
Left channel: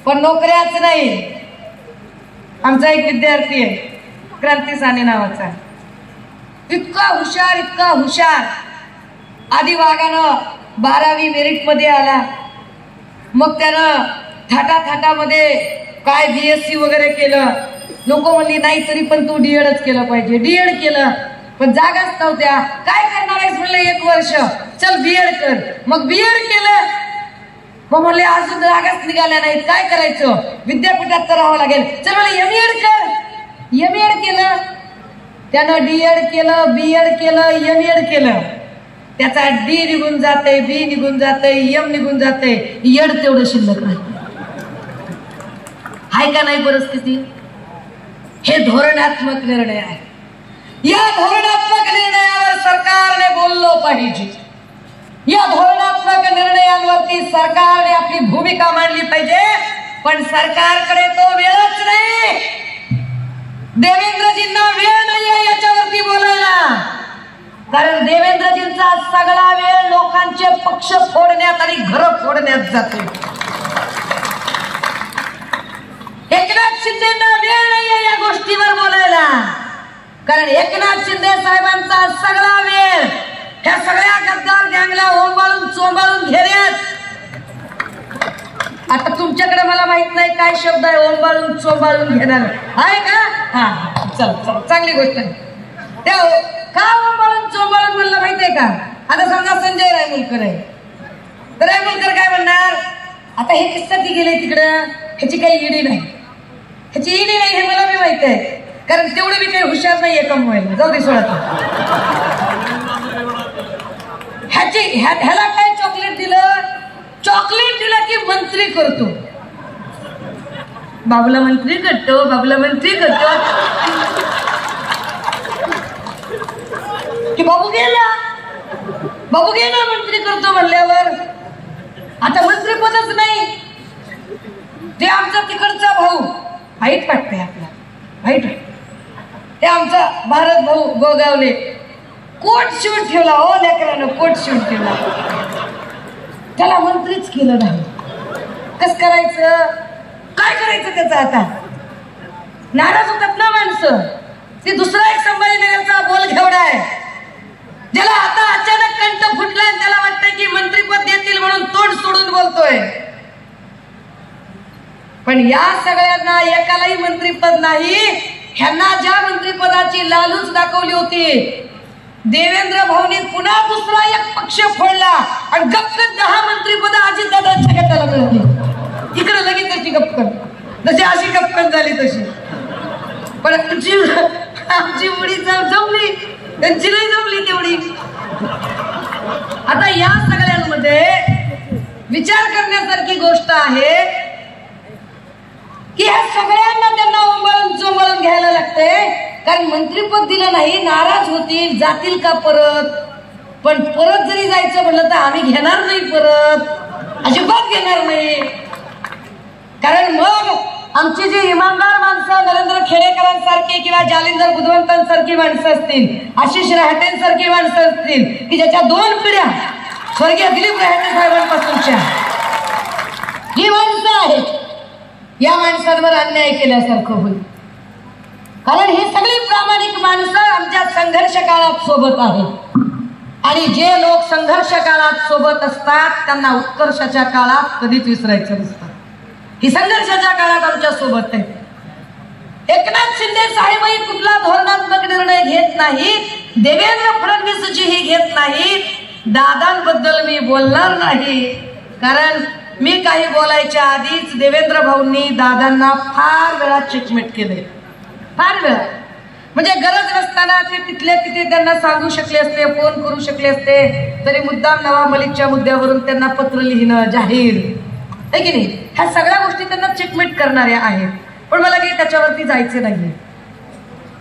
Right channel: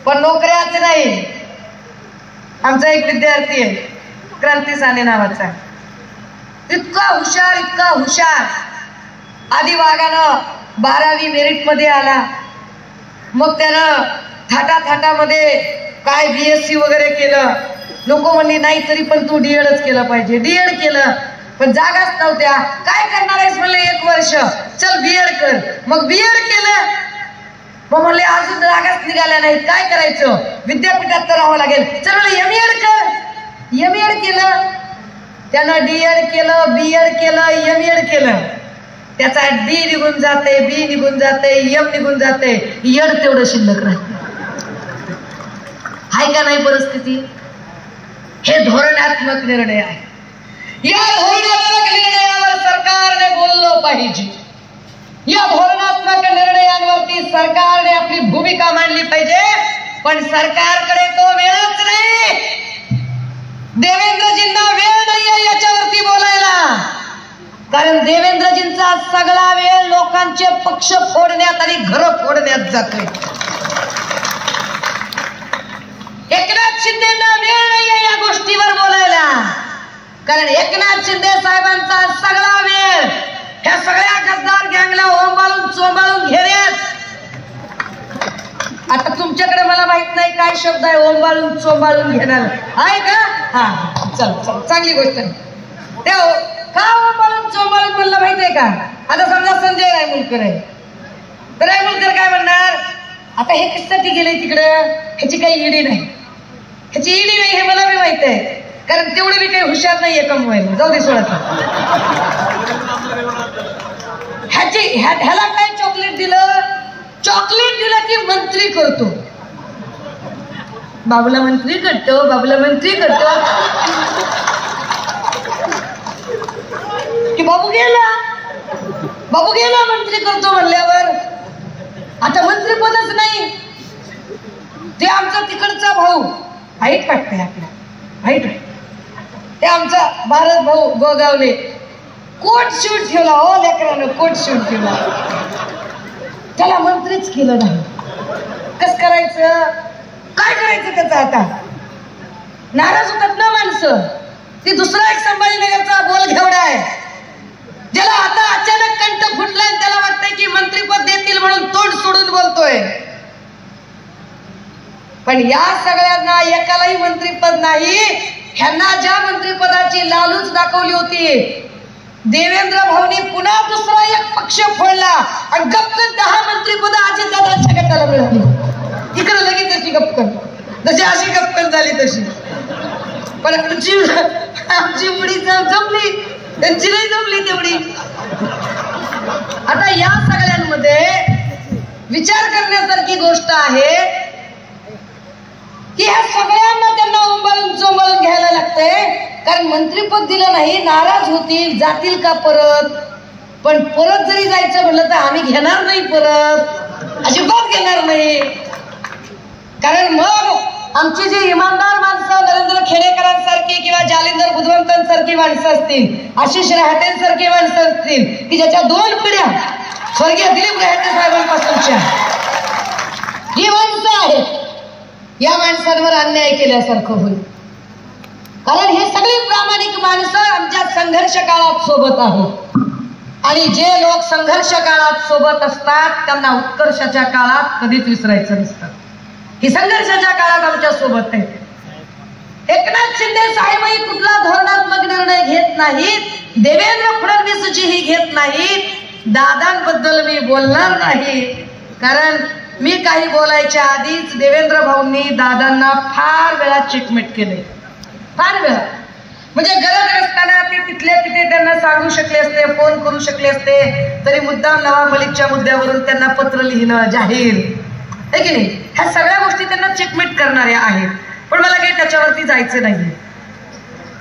पण नोकऱ्याच नाही. आमचा एक विद्यार्थी आहे क्रांती साने नावाचा, इतका हुशार इतका हुशार. आधी वागानं 12वी मेरिट मध्ये आला, मग त्यानं थाटामध्ये काय BSc वगैरे केलं. लोक म्हणली नाही तरी पण तू डीएडच केलं पाहिजे. डीएड केलं पण जागाच नव्हत्या. काय करणार आहेस म्हणले 1 वर्ष, चल बीएड कर. मग बीएड केलं, मग म्हणले अजून जागाच निघाल्या नाहीत, काय करायचं, विद्यापीठात तर राहावं लागेल, चल एमएड कर. एम.एड केलं, त्यांना डी.एड केलं, बी.एड केलं, एम.एड केलं, त्याचा डी निघून जाते, बी निघून जाते, एम निघून जाते, एड तेवढं शिल्लक राहते. आहे का नाही परिस्थिती? हे धोरणात्मक निर्णय आहे. या धोरणात्मक निर्णयावर सरकारने बोललं पाहिजे. या धोरणात्मक निर्णयांवरती सरकारने आपली भूमिका मांडली पाहिजे. पण सरकारकडे तो वेळच नाही. देवेंद्रजींना वेळ नाहीये याच्यावरती बोलायला. कारण देवेंद्रजींचा सगळा वेळ लोकांचे पक्ष फोडण्यात आणि घरं फोडण्यात जातोय. एकनाथ शिंदेना वेळ नाहीये या गोष्टीवर बोलायला. कारण एकनाथ शिंदे साहेबांचा सगळा वेळ ह्या सगळ्या गद्दार गँगला ओंबाळून चोंबाळून घेण्यात. आता तुमच्याकडे मला माहित नाही काय शब्द आहे ओंबाळून चोंबाळून घेणार आहे का? हा चल चल चांगली गोष्ट आहे. त्या का ओंबाळून चोंबाळून म्हणलं माहित आहे का? आता समजा संजय रायमुलकर आहे तर रायमुलकर काय म्हणणार, आता हे कशासाठी गेले तिकडं, ह्याची काही ईडी नाही, ह्याची ईडी नाही हे मला बी माहित आहे. कारण तेवढं बी काही हुशार नाही एका मोबाईल. जाऊ दे सोडा. ह्याला काय चॉकलेट दिलं, चॉकलेट दिलं की मंत्री करतो, बाबूला मंत्री करतो, बाबूला मंत्री करतो की बाबू गेला मंत्री करतो म्हणल्यावर आता मंत्रीपदच नाही. ते आमचा तिकडचा भाऊ हाईट वाटतंय आपला, हाईट, ते आमचा भारत भाऊ गोगावले कोट शिवून ठेवला. हो लेकरानं कोट शिवून ठेवला, त्याला मंत्रीच केलं नाही. कस करायचं, काय करायचं त्याचं? आता नाराज होतात ना माणसं. ती दुसरा एक संभाजीनगरचा बोल घेवडा आहे ज्याला आता अचानक कंठ फुटला आणि त्याला वाटतंय की मंत्रीपद देतील म्हणून तोंड सोडून बोलतोय. पण या सगळ्यांना एकालाही मंत्रीपद नाही. ह्यांना ज्या मंत्रिपदाची लालूच दाखवली होती देवेंद्र भाऊनी पुन्हा दुसरा एक पक्ष फोडला आणि गपकन 10 मंत्रिपद अजितदादांच्या गटाला मिळाली. इकडे लगेच तशी गपकन, जशी अशी गपकन झाली तशी. पण आमची उडी जमली, त्यांची नाही जमली तेवढी. आता या सगळ्यांमध्ये विचार करण्यासारखी गोष्ट आहे की ह्या सगळ्यांना त्यांना उंबाळून चोंबाळून घ्यायला लागते. कारण मंत्रीपद दिलं नाही, नाराज होतील, जातील का परत. पण परत जरी जायचं म्हणलं तर आम्ही घेणार नाही, परत अजिबात घेणार नाही. कारण मग आमची जी इमानदार माणसं नरेंद्र खेडेकरांसारखी किंवा जालिंदर बुधवंतांसारखी माणसं असतील, आशिष रहाटेंसारखी माणसं असतील की ज्याच्या 2 पिढ्या स्वर्गीय दिलीप रहाटे साहेबांपासूनच्या ही माणसं आहेत, या माणसांवर अन्याय केल्यासारखं होईल. कारण हे सगळे प्रामाणिक माणसं आमच्या संघर्ष काळात सोबत आहेत. आणि जे लोक संघर्ष काळात सोबत असतात त्यांना उत्कर्षाच्या काळात कधीच विसरायचं नसतं. ही संघर्षाच्या काळात आमच्या सोबत आहे. एकनाथ शिंदे साहेबही कुठला धोरणात्मक निर्णय घेत नाहीत, देवेंद्र फडणवीसजीही घेत नाहीत. दादांबद्दल मी बोलणार नाही, कारण मी काही बोलायच्या आधीच देवेंद्र भाऊंनी दादांना फार वेळा चेकमेट केले, फार वेळा. म्हणजे गरज नसताना ते तिथले तिथे त्यांना सांगू शकले असते, फोन करू शकले असते, तरी मुद्दाम नवाब मलिकच्या मुद्द्यावरून त्यांना पत्र लिहिणं जाहीर आहे की नाही, ह्या सगळ्या गोष्टी त्यांना चेकमेट करणाऱ्या आहेत. पण मला काही त्याच्यावरती जायचं नाही.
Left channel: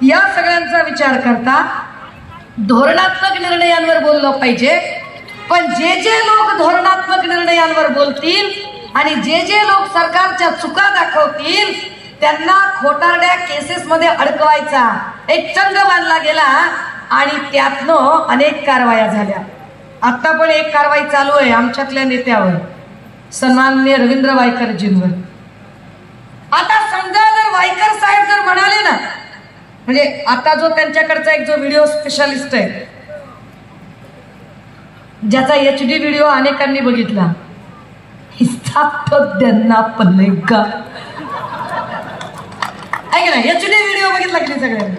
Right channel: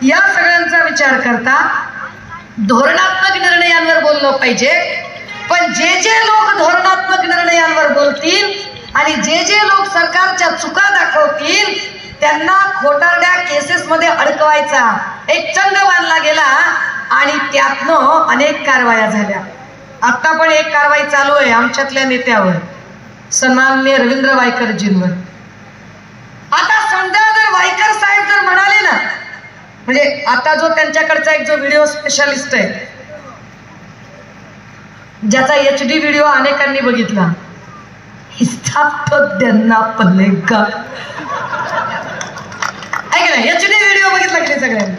या सगळ्यांचा विचार करता धोरणात्मक निर्णयांवर बोललं पाहिजे. पण जे जे लोक धोरणात्मक निर्णयांवर बोलतील आणि जे जे लोक सरकारच्या चुका दाखवतील त्यांना खोटारड्या केसेस मध्ये अडकवायचा एक चंग बांधला गेला आणि त्यातनं अनेक कारवाया झाल्या. आता पण एक कारवाई चालू आहे आमच्यातल्या नेत्यावर, सन्माननीय रवींद्र वायकरजींवर. आता समजा जर वायकर साहेब जर म्हणाले ना, म्हणजे आता जो त्यांच्याकडचा एक जो व्हिडिओ स्पेशालिस्ट आहे ज्याचा HD व्हिडिओ अनेकांनी बघितला, त्यांना पल्लेगा HD व्हिडिओ बघितला की सगळ्यांनी.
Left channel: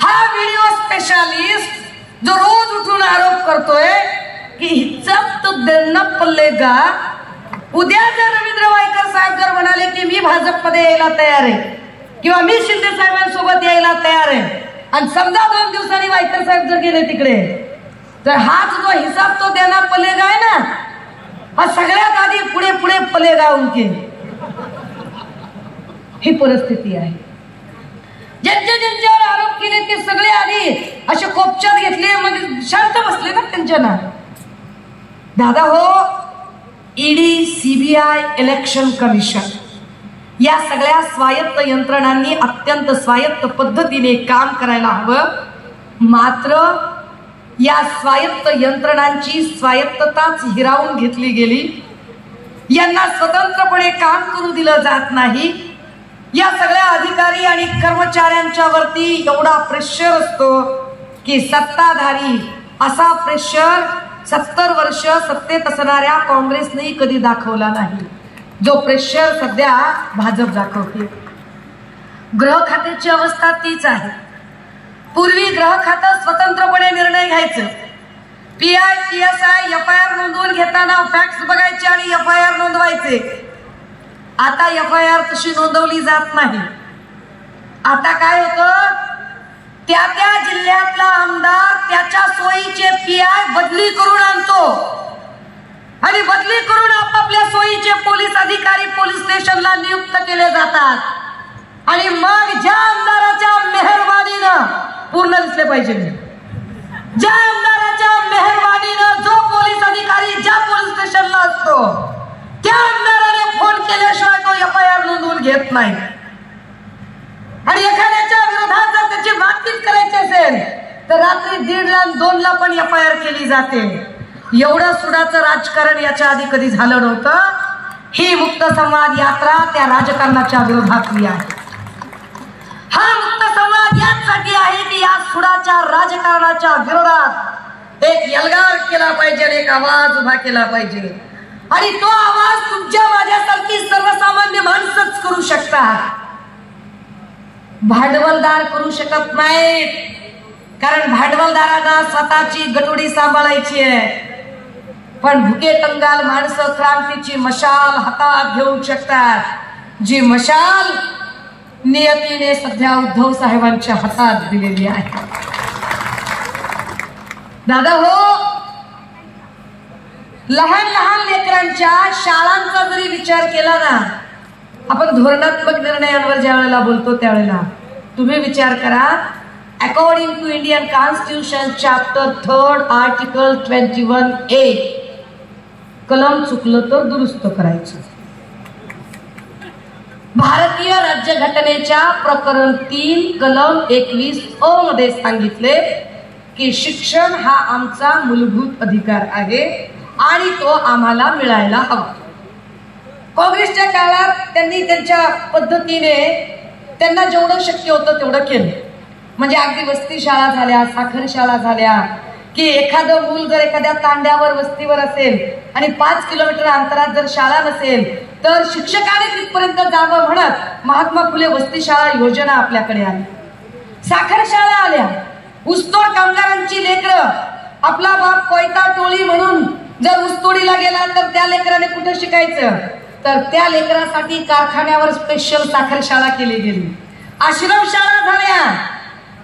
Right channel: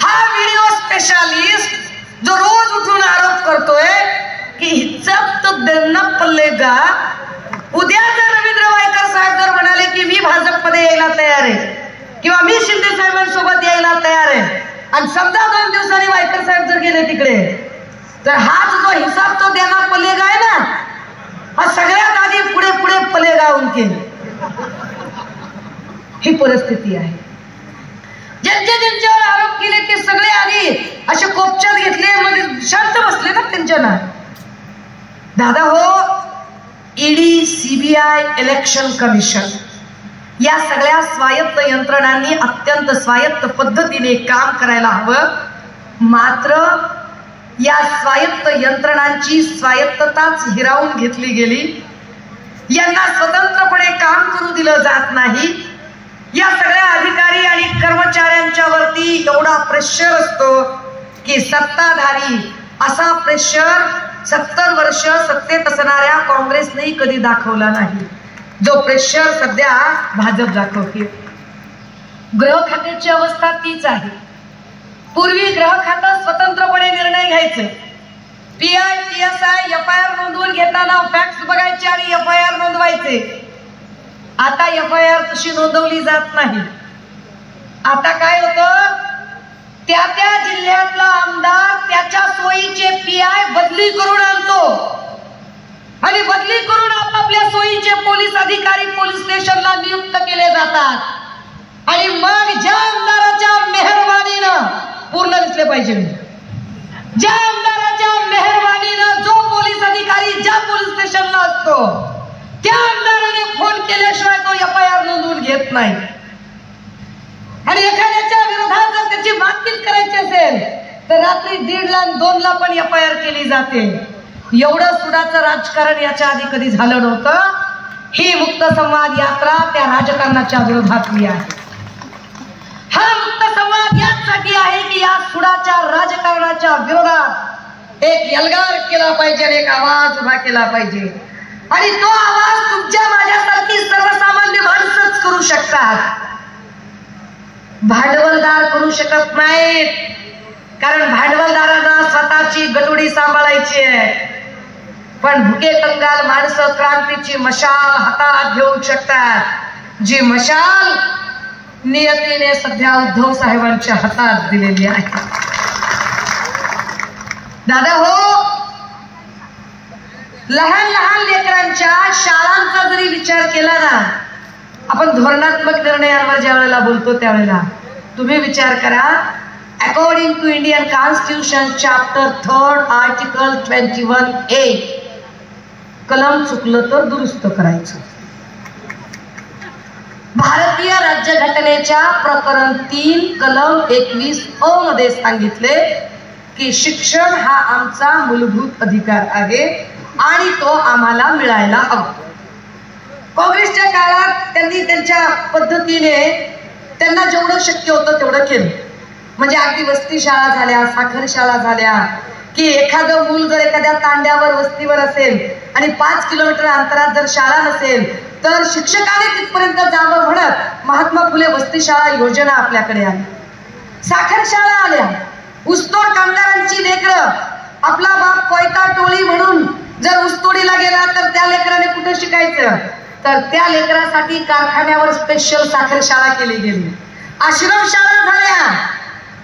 हा व्हिडिओ स्पेशालिस्ट जो रोज उठून आरोप करतोय की हिच्चत त्यांना पल्लेगा, उद्या जर रवींद्र वायकर साहेब जर म्हणाले की मी भाजपमध्ये यायला तयार आहे किंवा मी शिंदे साहेबांसोबत यायला तयार आहे आणि समजा 2 दिवसांनी वायकर साहेब जर गेले तिकडे तर हाच जो हिसाब तो देना पलेगा आहे ना, हा सगळ्यात आधी पुढे पुढे पलेगा उनके. ही परिस्थिती आहे. ज्यांच्यावर आरोप केले ते सगळे आधी असे कोपच्यात घेतले, मग शांत बसले ना त्यांच्या ना. दादा हो, ईडी, सीबीआय, इलेक्शन कमिशन या सगळ्या स्वायत्त यंत्रणांनी अत्यंत स्वायत्त पद्धतीने काम करायला हवं. मात्र या स्वायत्त यंत्रणांची स्वायत्तताच हिरावून घेतली गेली. यांना स्वतंत्रपणे काम करू दिलं जात नाही. या सगळ्या अधिकारी आणि कर्मचाऱ्यांच्या वरती एवढा प्रेशर असतो की सत्ताधारी असा प्रेशर 70 वर्ष सत्तेत असणाऱ्या काँग्रेसने कधी दाखवला नाही, जो प्रेशर सध्या भाजप दाखवते. गृह खात्याची अवस्था तीच आहे. पूर्वी गृह खातं स्वतंत्रपणे निर्णय घ्यायचं. PI, PSI, FIR नोंदवून घेताना फॅक्स बघायचे आणि FIR नोंदवायचे. आता FIR तशी नोंदवली जात नाही. आता काय होतं, त्या त्या जिल्ह्यातला आमदार त्याच्या सोयीचे PI बदली करून आणतो आणि बदली करून आपापल्या सोयीचे पोलीस अधिकारी पोलीस स्टेशनला नियुक्त केले जातात. आणि मग ज्या आमदाराच्या मेहरबानीनं पूर्ण दिसले पाहिजे, ज्या आमदाराच्या मेहरबानीनं जो पोलीस अधिकारी ज्या पोलीस स्टेशनला असतो त्या आमदाराने फोन केल्याशिवाय तो FIR नोंदवून घेत नाही. आणि एखाद्याच्या विरोधात जर त्याची बातचीत करायची असेल तर रात्री 1:30 ला 2 ला पण FIR केली जाते. एवढं सुडाचं राजकारण याच्या आधी कधी झालं नव्हतं. ही मुक्त संवाद यात्रा त्या राजकारणाच्या विरोधातली आहे. हा मुक्त संवाद यासाठी आहे की या सुडाच्या राजकारणाच्या विरोधात एक एल्गार केला पाहिजे, एक आवाज उभा केला पाहिजे. आणि तो आवाज तुमच्या माझ्यासारखी सर्वसामान्य माणसंच करू शकतात, भांडवलदार करू शकत नाहीत. कारण भांडवलदारांना स्वतःची गडुडी सांभाळायची आहे. पण भुके कंगाल माणसं क्रांतीची मशाल हातात घेऊ शकतात, जी मशाल नियतीने सध्या उद्धव साहेबांच्या हातात दिलेली आहे. दादा हो, लहान लहान लेकरांच्या शाळांचा जरी विचार केला ना, आपण धोरणात्मक निर्णयांवर ज्या वेळेला बोलतो त्यावेळेला तुम्ही विचार करा. According to Indian constitution chapter 3 article 21A, कलम चुकलं तर दुरुस्त करायचं. भारतीय राज्यघटनेच्या प्रकरण 3 कलम 21A मध्ये सांगितले की शिक्षण हा आमचा मूलभूत अधिकार आहे आणि तो आम्हाला मिळायला हवा. काँग्रेसच्या काळात त्यांनी त्यांच्या पद्धतीने त्यांना जेवढं शक्य होतं तेवढं केलं. म्हणजे अगदी वस्ती शाळा झाल्या, साखर शाळा झाल्या की एखादं मूल जर एखाद्या तांड्यावर वस्तीवर असेल आणि 5 किलोमीटर अंतरात जर शाळा नसेल तर शिक्षकाने तिथपर्यंत जावं म्हणत महात्मा फुले वस्ती शाळा योजना आपल्याकडे आली. साखर शाळा आल्या. ऊसतोड कामगारांची लेकरं, आपला बाप कोयता टोळी म्हणून जर ऊसतोडीला गेला तर त्या लेकराने कुठं शिकायचं, तर त्या लेकरासाठी कारखान्यावर स्पेशल साखर शाळा केली गेली. आश्रम शाळा झाल्या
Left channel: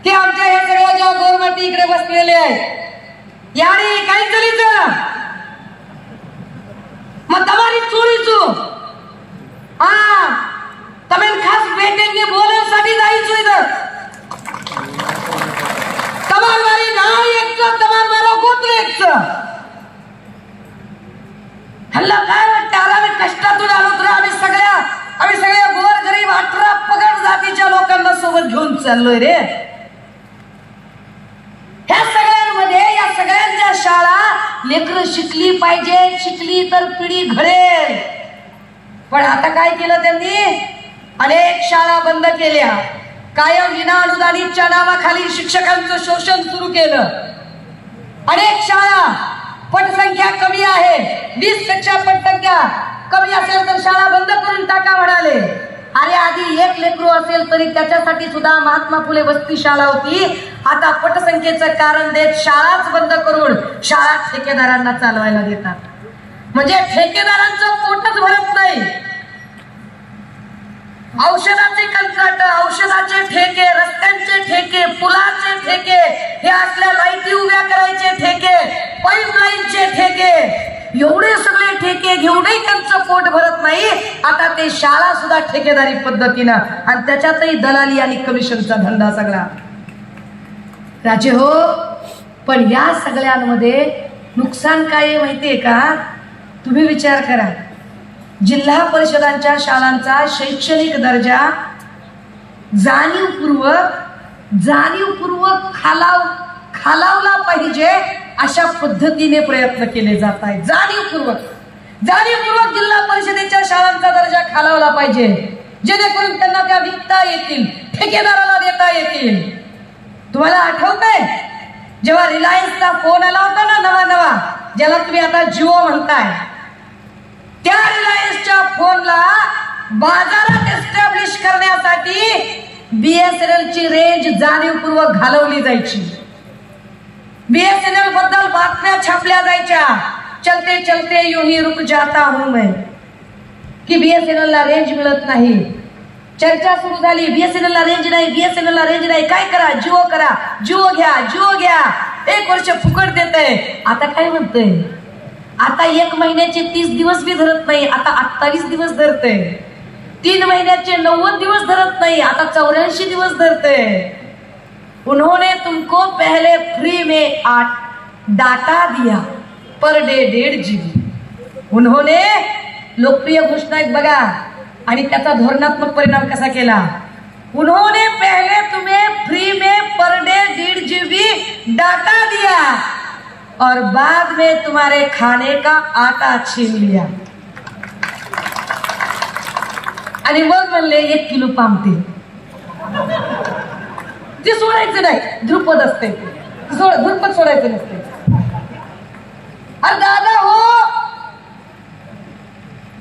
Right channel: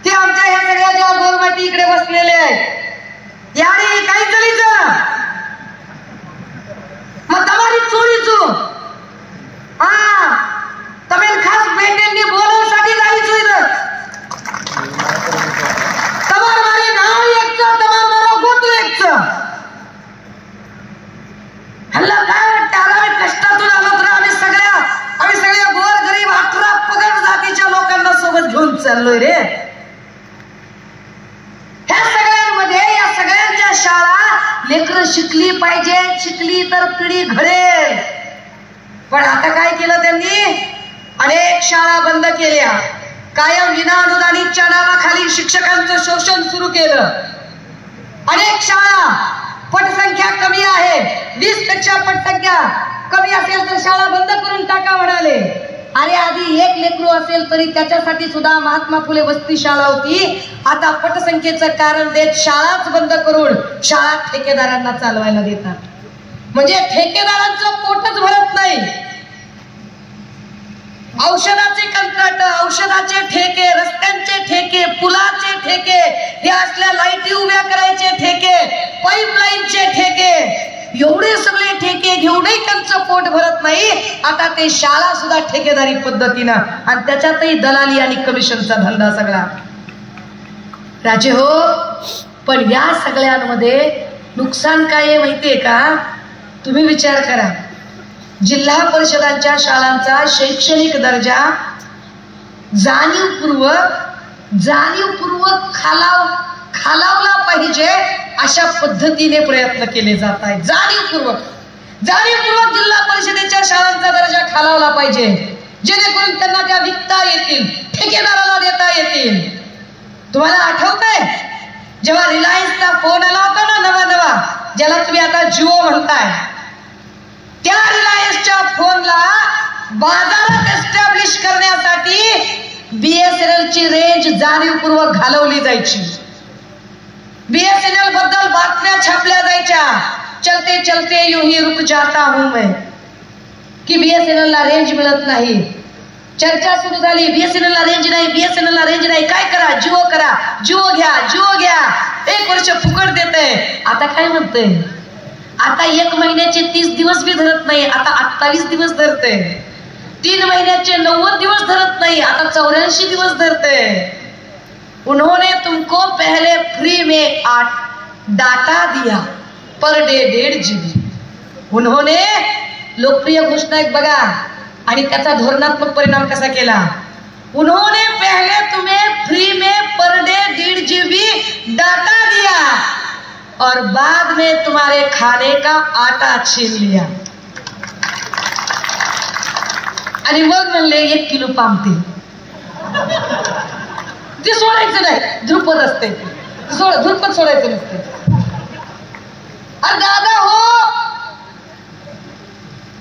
की आमच्या ह्या सगळ्या ज्या गोरमाटी इकडे बसलेले आहेत याने काय चलीचं मग तमारी चोरीचो તમે ખાસ બેટીને બોલવાसाठी जायचं इथं. તમાર મારી નાવ એકचं, તમાર મારો गोत्र एकचं. हल्ला काय वाटतं, आम्ही कष्टातून आलो तर आम्ही सगळ्या गोर गरीब 18 पगड जातीच्या लोकांना सोबत घेऊन चाललोय रे. ह्या सगळ्यांमध्ये या सगळ्यांच्या शाळा लेकरं शिकली पाहिजे, शिकली तर पिढी घडेल. पण आता काय केलं त्यांनी, अनेक शाळा बंद केल्या. कायम विना अनुदानितच्या नावाखाली शिक्षकांचं शोषण सुरू केलं. अनेक शाळा पटसंख्या कमी आहे, 20% पटसंख्या कमी असेल तर शाळा बंद करून टाका म्हणाले. अरे आधी 1 लेकरू असेल तरी त्याच्यासाठी सुद्धा महात्मा फुले वस्ती शाळा होती. आता पटसंख्येचं कारण देत शाळाच बंद करून शाळा ठेकेदारांना चालवायला देतात. म्हणजे ठेकेदारांचं पोटच भरत नाही. औषधाचे कंत्राट, औषधाचे ठेके, रस्त्यांचे ठेके, पुलाचे ठेके, हे असल्या लाईटी उभ्या करायचे ठेके, पाईपलाईनचे ठेके, एवढे सगळे ठेके घेऊनही त्यांचं पोट भरत नाही. आता ते शाळा सुद्धा ठेकेदारी पद्धतीनं, आणि त्याच्यातही दलाली आणि कमिशनचा धंदा सगळा. राजे हो, पण या सगळ्यांमध्ये नुकसान काय आहे माहितीये का? तुम्ही विचार करा. जिल्हा परिषदांच्या शाळांचा शैक्षणिक दर्जा जाणीवपूर्वक खालावला पाहिजे अशा पद्धतीने प्रयत्न केले जात आहेत. जाणीवपूर्वक जिल्हा परिषदेच्या शाळांचा दर्जा खालावला पाहिजे, जेणेकरून त्यांना त्या विकता येतील, ठेकेदाराला देता येतील. तुम्हाला आठवतंय जेव्हा रिलायन्सचा फोन आला होता ना, नवा ज्याला तुम्ही आता जिओ म्हणताय, त्या रिलायन्सच्या फोनला बाजारात एस्टॅब्लिश करण्यासाठी BSNL ची रेंज जाणीवपूर्वक घालवली जायची. BSNL बद्दल बातम्या छापल्या जायच्या, चलते चलते यूं ही रुक जाता हूं मैं, की BSNL ला रेंज मिळत नाही. चर्चा सुरू झाली, BSNL ला रेंज नाही, BSNL ला रेंज नाही, काय करा, जिओ घ्या, 1 वर्ष फुकट देते. आता काय म्हणतंय? आता 1 महिन्याचे 30 दिवस भी धरत नाही, आता 28 दिवस धरते. 3 महिन्याचे 90 दिवस धरत नाही, आता 84 दिवस धरते. उन्होंने तुमको पहले फ्री में 8 डाटा दिया, पर डे 1.5 GB. उन्होंने लोकप्रिय घोषणा एक बघा आणि त्याचा धोरणात्मक परिणाम कसा केला. उन्होंने पहले तुम्हें फ्री में पर डे 1.5 GB डाटा दिया और बाद में तुम्हारे खाने का आटा छीन लिया. आणि मग म्हणले 1 किलो पामतेल. ते सोडायचं नाही, धुरपद असते, धुरपद सोडायचं नसते. अरे दादा हो,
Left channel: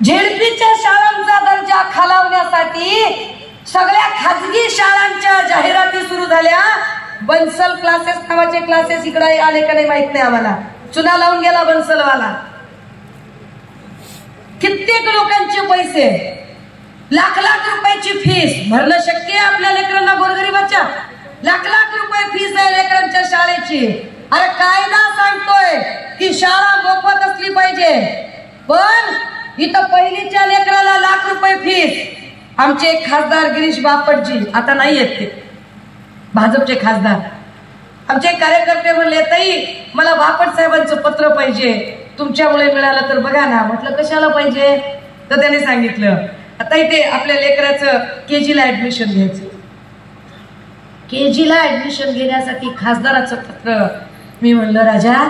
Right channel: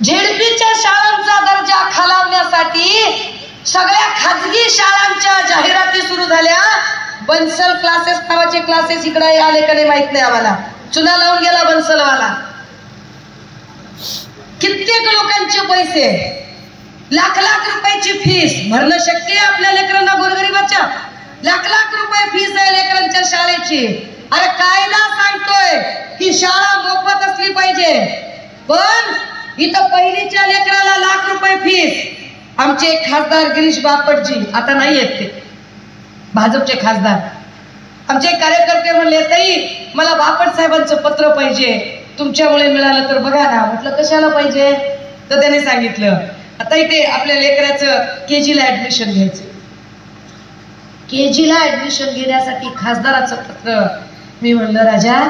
झेडपीच्या शाळांचा दर्जा खालावण्यासाठी सगळ्या खाजगी शाळांच्या जाहिराती सुरू झाल्या. बन्सल क्लासेस नावाचे क्लासेस इकडे आले का नाही माहित नाही आम्हाला. चुना लावून गेला बन्सलवाला. कित्येक लोकांचे पैसे, लाख रुपयाची फीस भरणं शक्य आहे आपल्या लेकरांना, गोरगरिबाच्या लाख रुपये फीस आहे लेकरांच्या शाळेची. अरे कायदा सांगतोय की शाळा मोफत असली पाहिजे, पण इथं पहिलीच्या लेकराला लाख रुपये फीस. आमचे खासदार गिरीश बापटजी, आता नाही आहेत ते, भाजपचे खासदार, आमचे कार्यकर्ते म्हणले ताई मला बापट साहेबांचं पत्र पाहिजे, तुमच्यामुळे मिळालं तर बघा ना. म्हटलं कशाला पाहिजे? तर त्याने सांगितलं आता इथे आपल्या लेकराचं KG ला ऍडमिशन घ्यायचं. KG ला ऍडमिशन घेण्यासाठी खासदाराचं पत्र. मी म्हणलं राजा,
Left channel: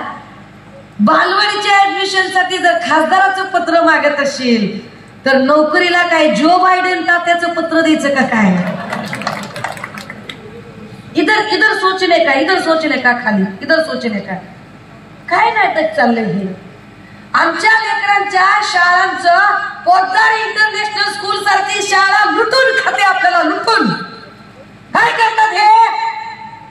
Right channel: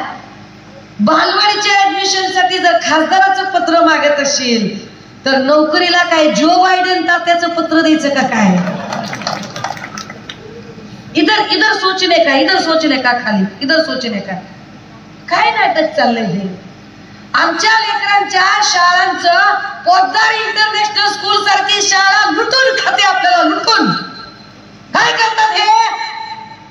बालवाडीच्या ऍडमिशन साठी जर खासदाराचं पत्र मागत असेल तर नोकरीला काय जो बायडेन तात्याचं पत्र द्यायचं का काय? इधर सोचने का खाली, इधर सोचने का. काय नाटक चाललंय हे? आमच्या लेकरांच्या शाळांचं पोद्दार इंटरनॅशनल स्कूल सारखी शाळा लुटून खाते आपल्याला, लुटून. काय करतात हे?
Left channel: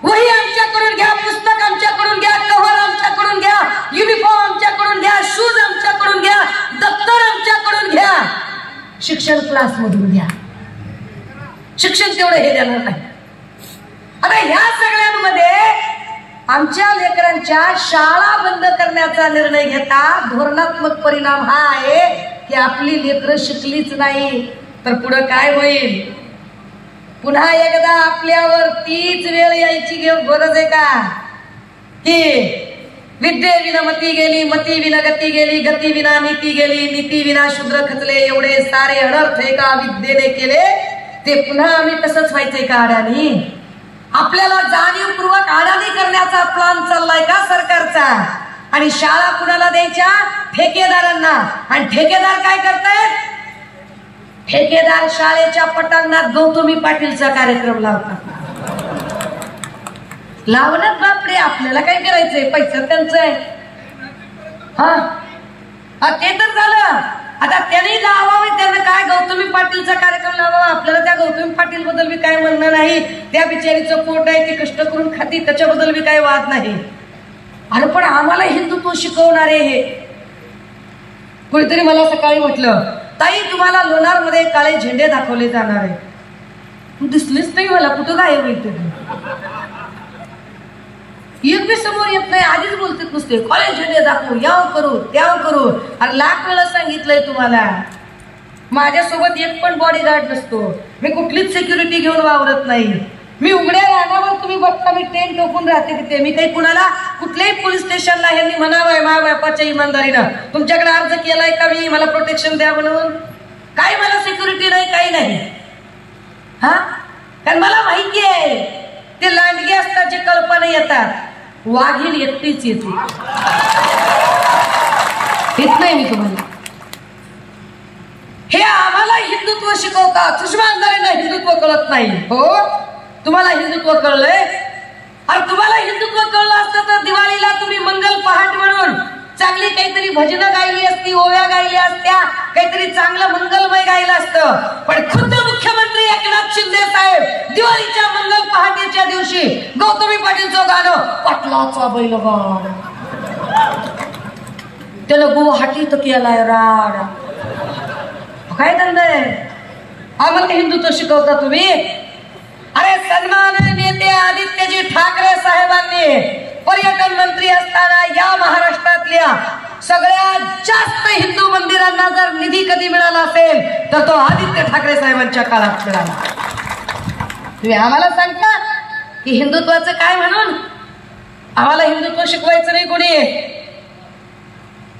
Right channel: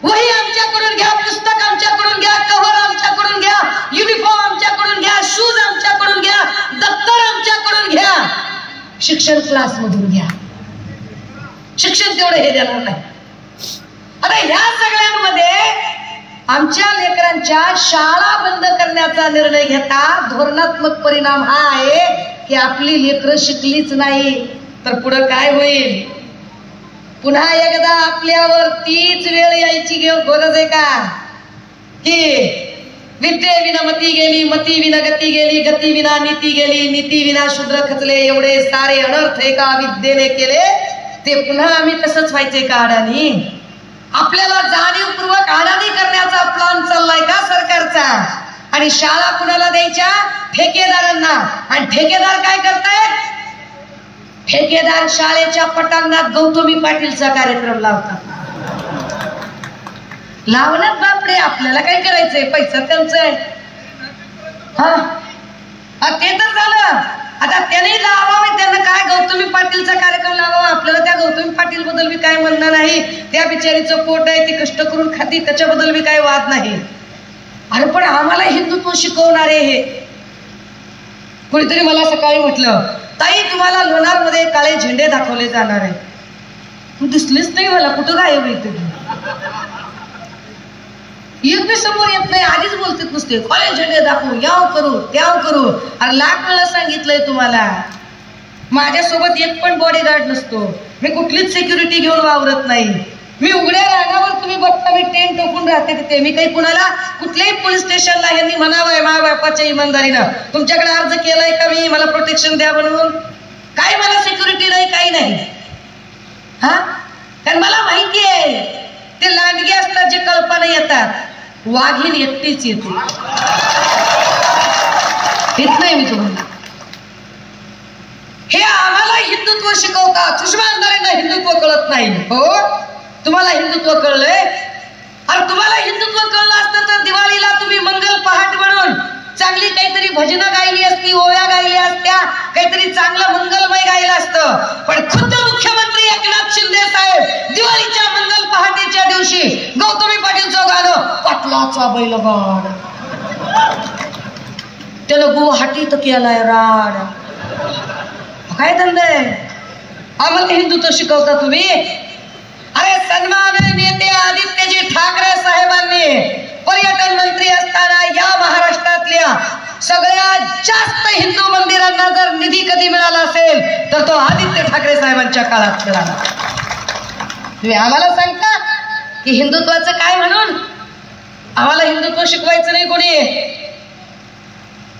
वही आमच्याकडून घ्या, पुस्तक आमच्याकडून घ्या, कव्हर आमच्याकडून घ्या, युनिफॉर्म आमच्याकडून घ्या, शूज आमच्याकडून घ्या, दप्तर आमच्याकडून घ्या, शिक्षण क्लास मधून घ्या. शिक्षण तेवढं हे देणार नाही. आता ह्या सगळ्यांमध्ये आमच्या लेकरांच्या शाळा बंद करण्याचा निर्णय घेता धोरणात्मक परिणाम हा आहे की आपली लेकरं शिकलीच नाही तर पुढे काय होईल? पुन्हा एकदा आपल्यावर तीच वेळ यायची गरज आहे का? की विद्ये विना मती गेली, मती विना गती गेली, गती विना नीती गेली, नीती विना शूद्र खचले, एवढे सारे अनर्थ एका विद्येने केले, ते पुन्हा आम्ही तसंच व्हायचे का अडाणी? आपल्याला जाणीवपूर्वक अडाणी करण्याचा प्लॅन चाललाय का सरकारचा? आणि शाळा कुणाला द्यायच्या? ठेकेदारांना. आणि ठेकेदार काय करतायत? ठेकेदार शाळेच्या पटांगणात गौतमी पाटीलचा कार्यक्रम लावतात. लावण्यात बापडे, आपल्याला काय करायचंय? पैसा त्यांचा आहे. हा ते तर झालं. आता त्याने लावावे, त्याने काय गौतमी पाटीलचा कार्यक्रम लावावा. आपल्याला त्या गौतमी पाटील बद्दल बी काय म्हणणं नाही. त्या बिचारीचं पोट आहे, ती कष्ट करून खाती, त्याच्याबद्दल बी काही वाद नाही. अरे पण आम्हाला हिंदुत्व शिकवणारे हे कोणीतरी मला सकाळी म्हटलं, ताई तुम्हाला लोणारमध्ये काळे झेंडे दाखवले जाणार आहे. दिसलीच नाही मला, कुठं गायब आहे तुम्ही? एक बी समोर येत नाही, आधीच बोलतात नुसते कॉलेज झेंडे दाखवू, याव करू त्याव करू. अरे लाख वेळा सांगितलंय तुम्हाला, माझ्यासोबत एक पण बॉडीगार्ड नसतो, मी कुठलीच सिक्युरिटी घेऊन वावरत नाही. मी उघड्या रानावर तुम्ही बघता मी टेंट टोकून राहते तिथे. मी काही कुणाला कुठल्याही पोलीस स्टेशनला यांनी म्हणावंय मा बापाच्या इमानदारीनं तुमच्याकडे अर्ज केलाय का मी मला प्रोटेक्शन द्या म्हणून? काय मला सिक्युरिटी नाही, काही नाही. हा, कारण मला माहिती आहे ते लांडगे असतात जे कल्पना येतात, वाघीण एकटीच येते. येत नाही मी तुम्हाला. हे आम्हाला हिंदुत्व शिकवतात, सुषमा अंधारेंना हिंदुत्व कळत नाही. हो, तुम्हाला हिंदुत्व कळलंय? अरे तुम्हाला हिंदुत्व कळलं असतं तर दिवाळीला तुम्ही मंगल पहाट म्हणून चांगली काहीतरी भजनं गायली असती, ओव्या गायल्या असत्या, काहीतरी चांगलं मंगलमय गायलं असतं. पण खुद्द मुख्यमंत्री एकनाथ शिंदे साहेब दिवाळीच्या मंगल पहाटेच्या दिवशी गौतमी पाटीलचं गाणं पाटलाचा बैलगाड, त्यानं गुवाहाटीत केलाय राड. काय धंदा आहे? आम्हाला हिंदुत्व शिकवता तुम्ही? अरे सन्माननीय नेते आदित्यजी ठाकरे साहेबांनी पर्यटन मंत्री असताना या महाराष्ट्रातल्या सगळ्यात जास्त हिंदू मंदिरांना जर निधी कधी मिळाला असेल तर तो आदित्य ठाकरे साहेबांच्या काळात मिळाला. तुम्ही आम्हाला सांगता की हिंदुत्वाचं काय म्हणून? आम्हाला हिंदुत्व शिकवायचं नाही कोणी.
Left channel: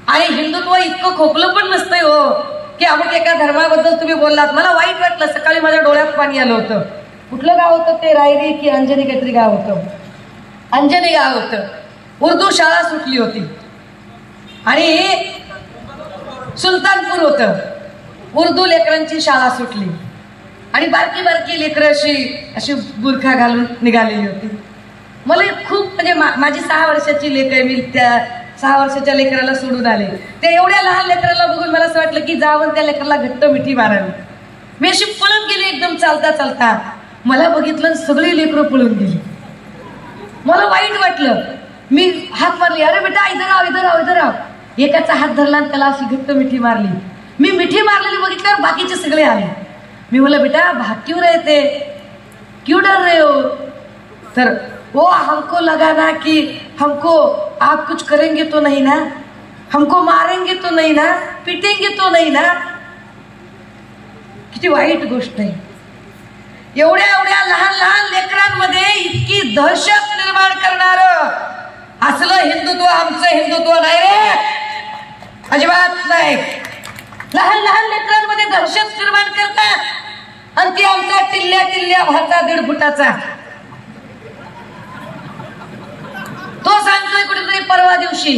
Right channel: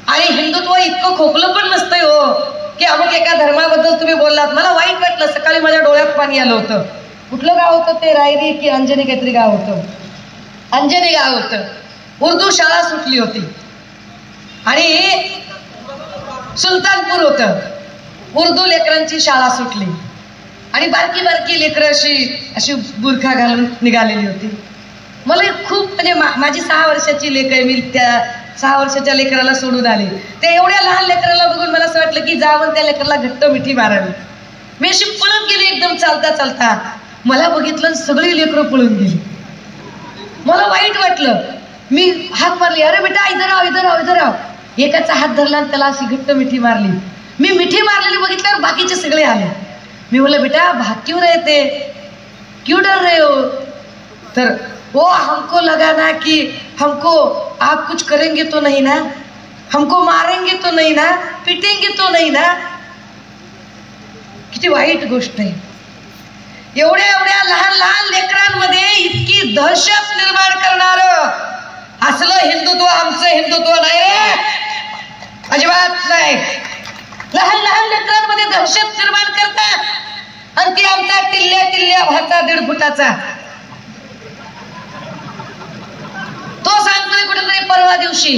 आणि हिंदुत्व इतकं खोकलं पण नसतंय हो की अमुक एका धर्माबद्दल तुम्ही बोललात, मला वाईट वाटलं. सकाळी माझ्या डोळ्यात पाणी आलं होतं. कुठलं गाव होतं ते? रायरी की अंजनी काहीतरी गाव होतं. अंजनी गाव होतं. उर्दू शाळा सुटली होती आणि सुलतानपूर होतं. उर्दू लेकरांची शाळा सुटली आणि बारकी बारकी लेकरं अशी बुरखा घालून निघालेली होती. मला खूप म्हणजे माझी 6 वर्षाची लेकर, मी त्या 6 वर्षाच्या लेकराला सोडून आले. ते एवढ्या लहान लेकराला बघून मला असं वाटलं की जाऊन त्या लेकराला घट्ट मिठी मारावी. मी अशी पळून गेली एकदम चालता चालता. मला बघितलं सगळी लेकरं पळून गेली. मला वाईट वाटलं. मी हात मारली, अरे बेटा इधर आओ इधर आओ इधर आओ. एकाचा हात धरला आणि त्याला अशी घट्ट मिठी मारली. मी मिठी मारलेली बघितल्यावर बाकीचे सगळे आले. मी बोला बेटा भाग क्यों रहे थे, क्यों डर रहे हो? तर वो हमको लगा ना कि हमको आप कुछ करेंगे तो नहीं ना, हमको मारेंगे तो नहीं ना, पिटेंगे तो नहीं ना. किती वाईट गोष्ट आहे. एवढ्या एवढ्या लहान लहान लेकरांमध्ये इतकी दहशत निर्माण करणार असलं हिंदुत्व आमचं हिंदुत्व नाही रे, अजिबात नाही. लहान लहान लेकरांमध्ये दहशत निर्माण करतात आणि ती आमचा टिल्ल्या टिल्ल्या भाचा 1.5 फुटाचा तो सांगतोय कुठेतरी परवा दिवशी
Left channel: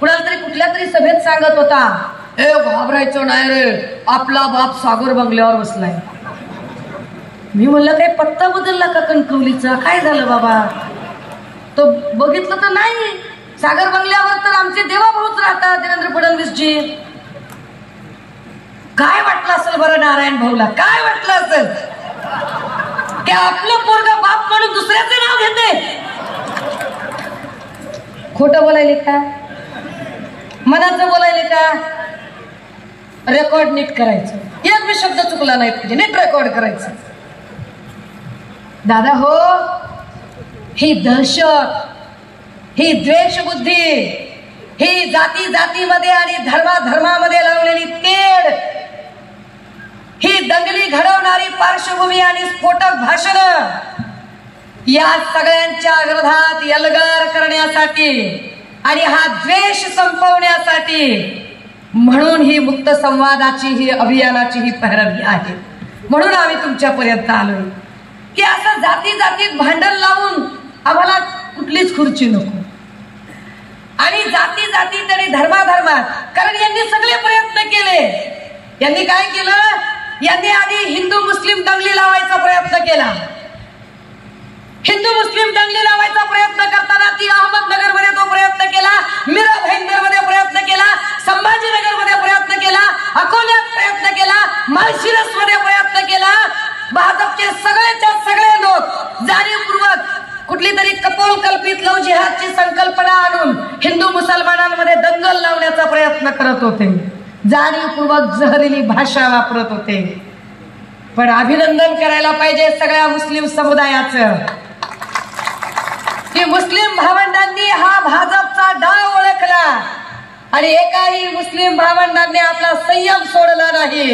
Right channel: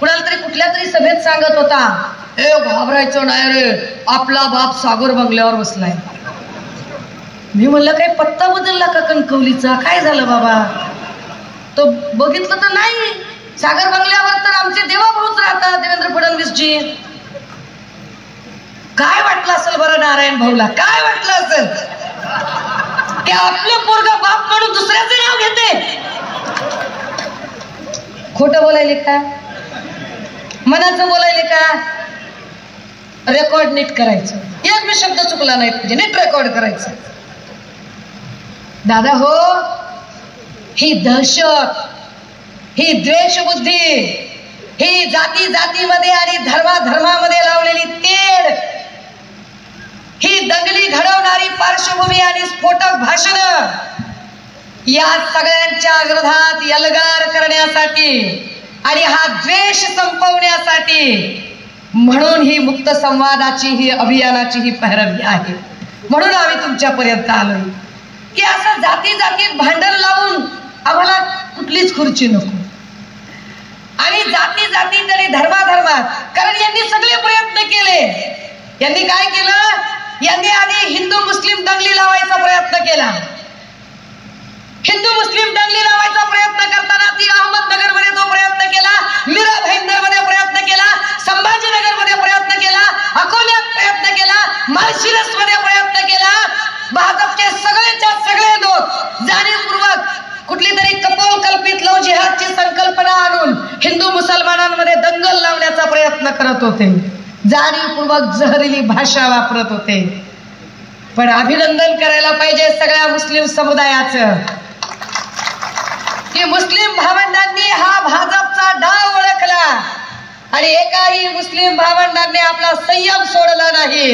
कुणाला तरी कुठल्या तरी सभेत सांगत होता, ए घाबरायचं नाही रे, आपला बाप सागर बंगल्यावर बसलाय. मी म्हणलं काही पत्ता बदलला का कणकवलीचा? काय झालं बाबा? तो बघितलं तर नाही, सागर बंगल्यावर तर आमचे देवाभाऊच राहतात, देवेंद्र फडणवीसजी. काय वाटलं असेल बरं नारायण भाऊला? काय वाटलं असेल की आपलं पोरगा बाप म्हणून दुसऱ्याचे नाव घेते? खोटं बोलायले का, मनाचं बोलायले का? रेकॉर्ड नीट करायचं. एक बी शब्द चुकला नाही पाहिजे, नीट रेकॉर्ड करायचं. दादा हो, ही दहशत, ही द्वेषबुद्धी, ही जाती जातीमध्ये आणि धर्माधर्मामध्ये लावलेली तेढ, ही दंगली घडवणारी पार्श्वभूमी आणि स्फोटक भाषण, या सगळ्यांच्या विरोधात एल्गार करण्यासाठी आणि हा द्वेष संपवण्यासाठी म्हणून ही मुक्त संवादाची ही अभियानाची ही पैरवी आहे. म्हणून आम्ही तुमच्यापर्यंत आलोय की असं जाती जातीत भांडण लावून आम्हाला कुठलीच खुर्ची नको. आणि जाती जातीत आणि धर्माधर्मात, कारण यांनी सगळे प्रयत्न केले. यांनी काय केलं? यांनी आधी हिंदू मुस्लिम दंगली लावायचा प्रयत्न केला. हिंदू मुस्लिम दंगली लावायचा प्रयत्न करताना ती अहमदनगर मध्ये तो प्रयत्न केला, मीरा भाईंदर मध्ये प्रयत्न केला, संभाजीनगर मध्ये प्रयत्न केला, अकोल्यात प्रयत्न केला, माळशिरस मध्ये प्रयत्न केला. भाजपचे सगळेच्या सगळे लोक जाणीवपूर्वक कुठली तरी कपोल कल्पित लव जिहादची संकल्पना आणून हिंदू मुसलमानांमध्ये दंगल लावण्याचा प्रयत्न करत होते. जाणीवपूर्वक जहरीली भाषा वापरत होते. पण अभिनंदन करायला पाहिजे सगळ्या मुस्लिम समुदायाचं की मुस्लिम भावंडांनी हा भाजपचा डाव ओळखला आणि एकाही मुस्लिम भावंडांनी आपला संयम सोडला नाही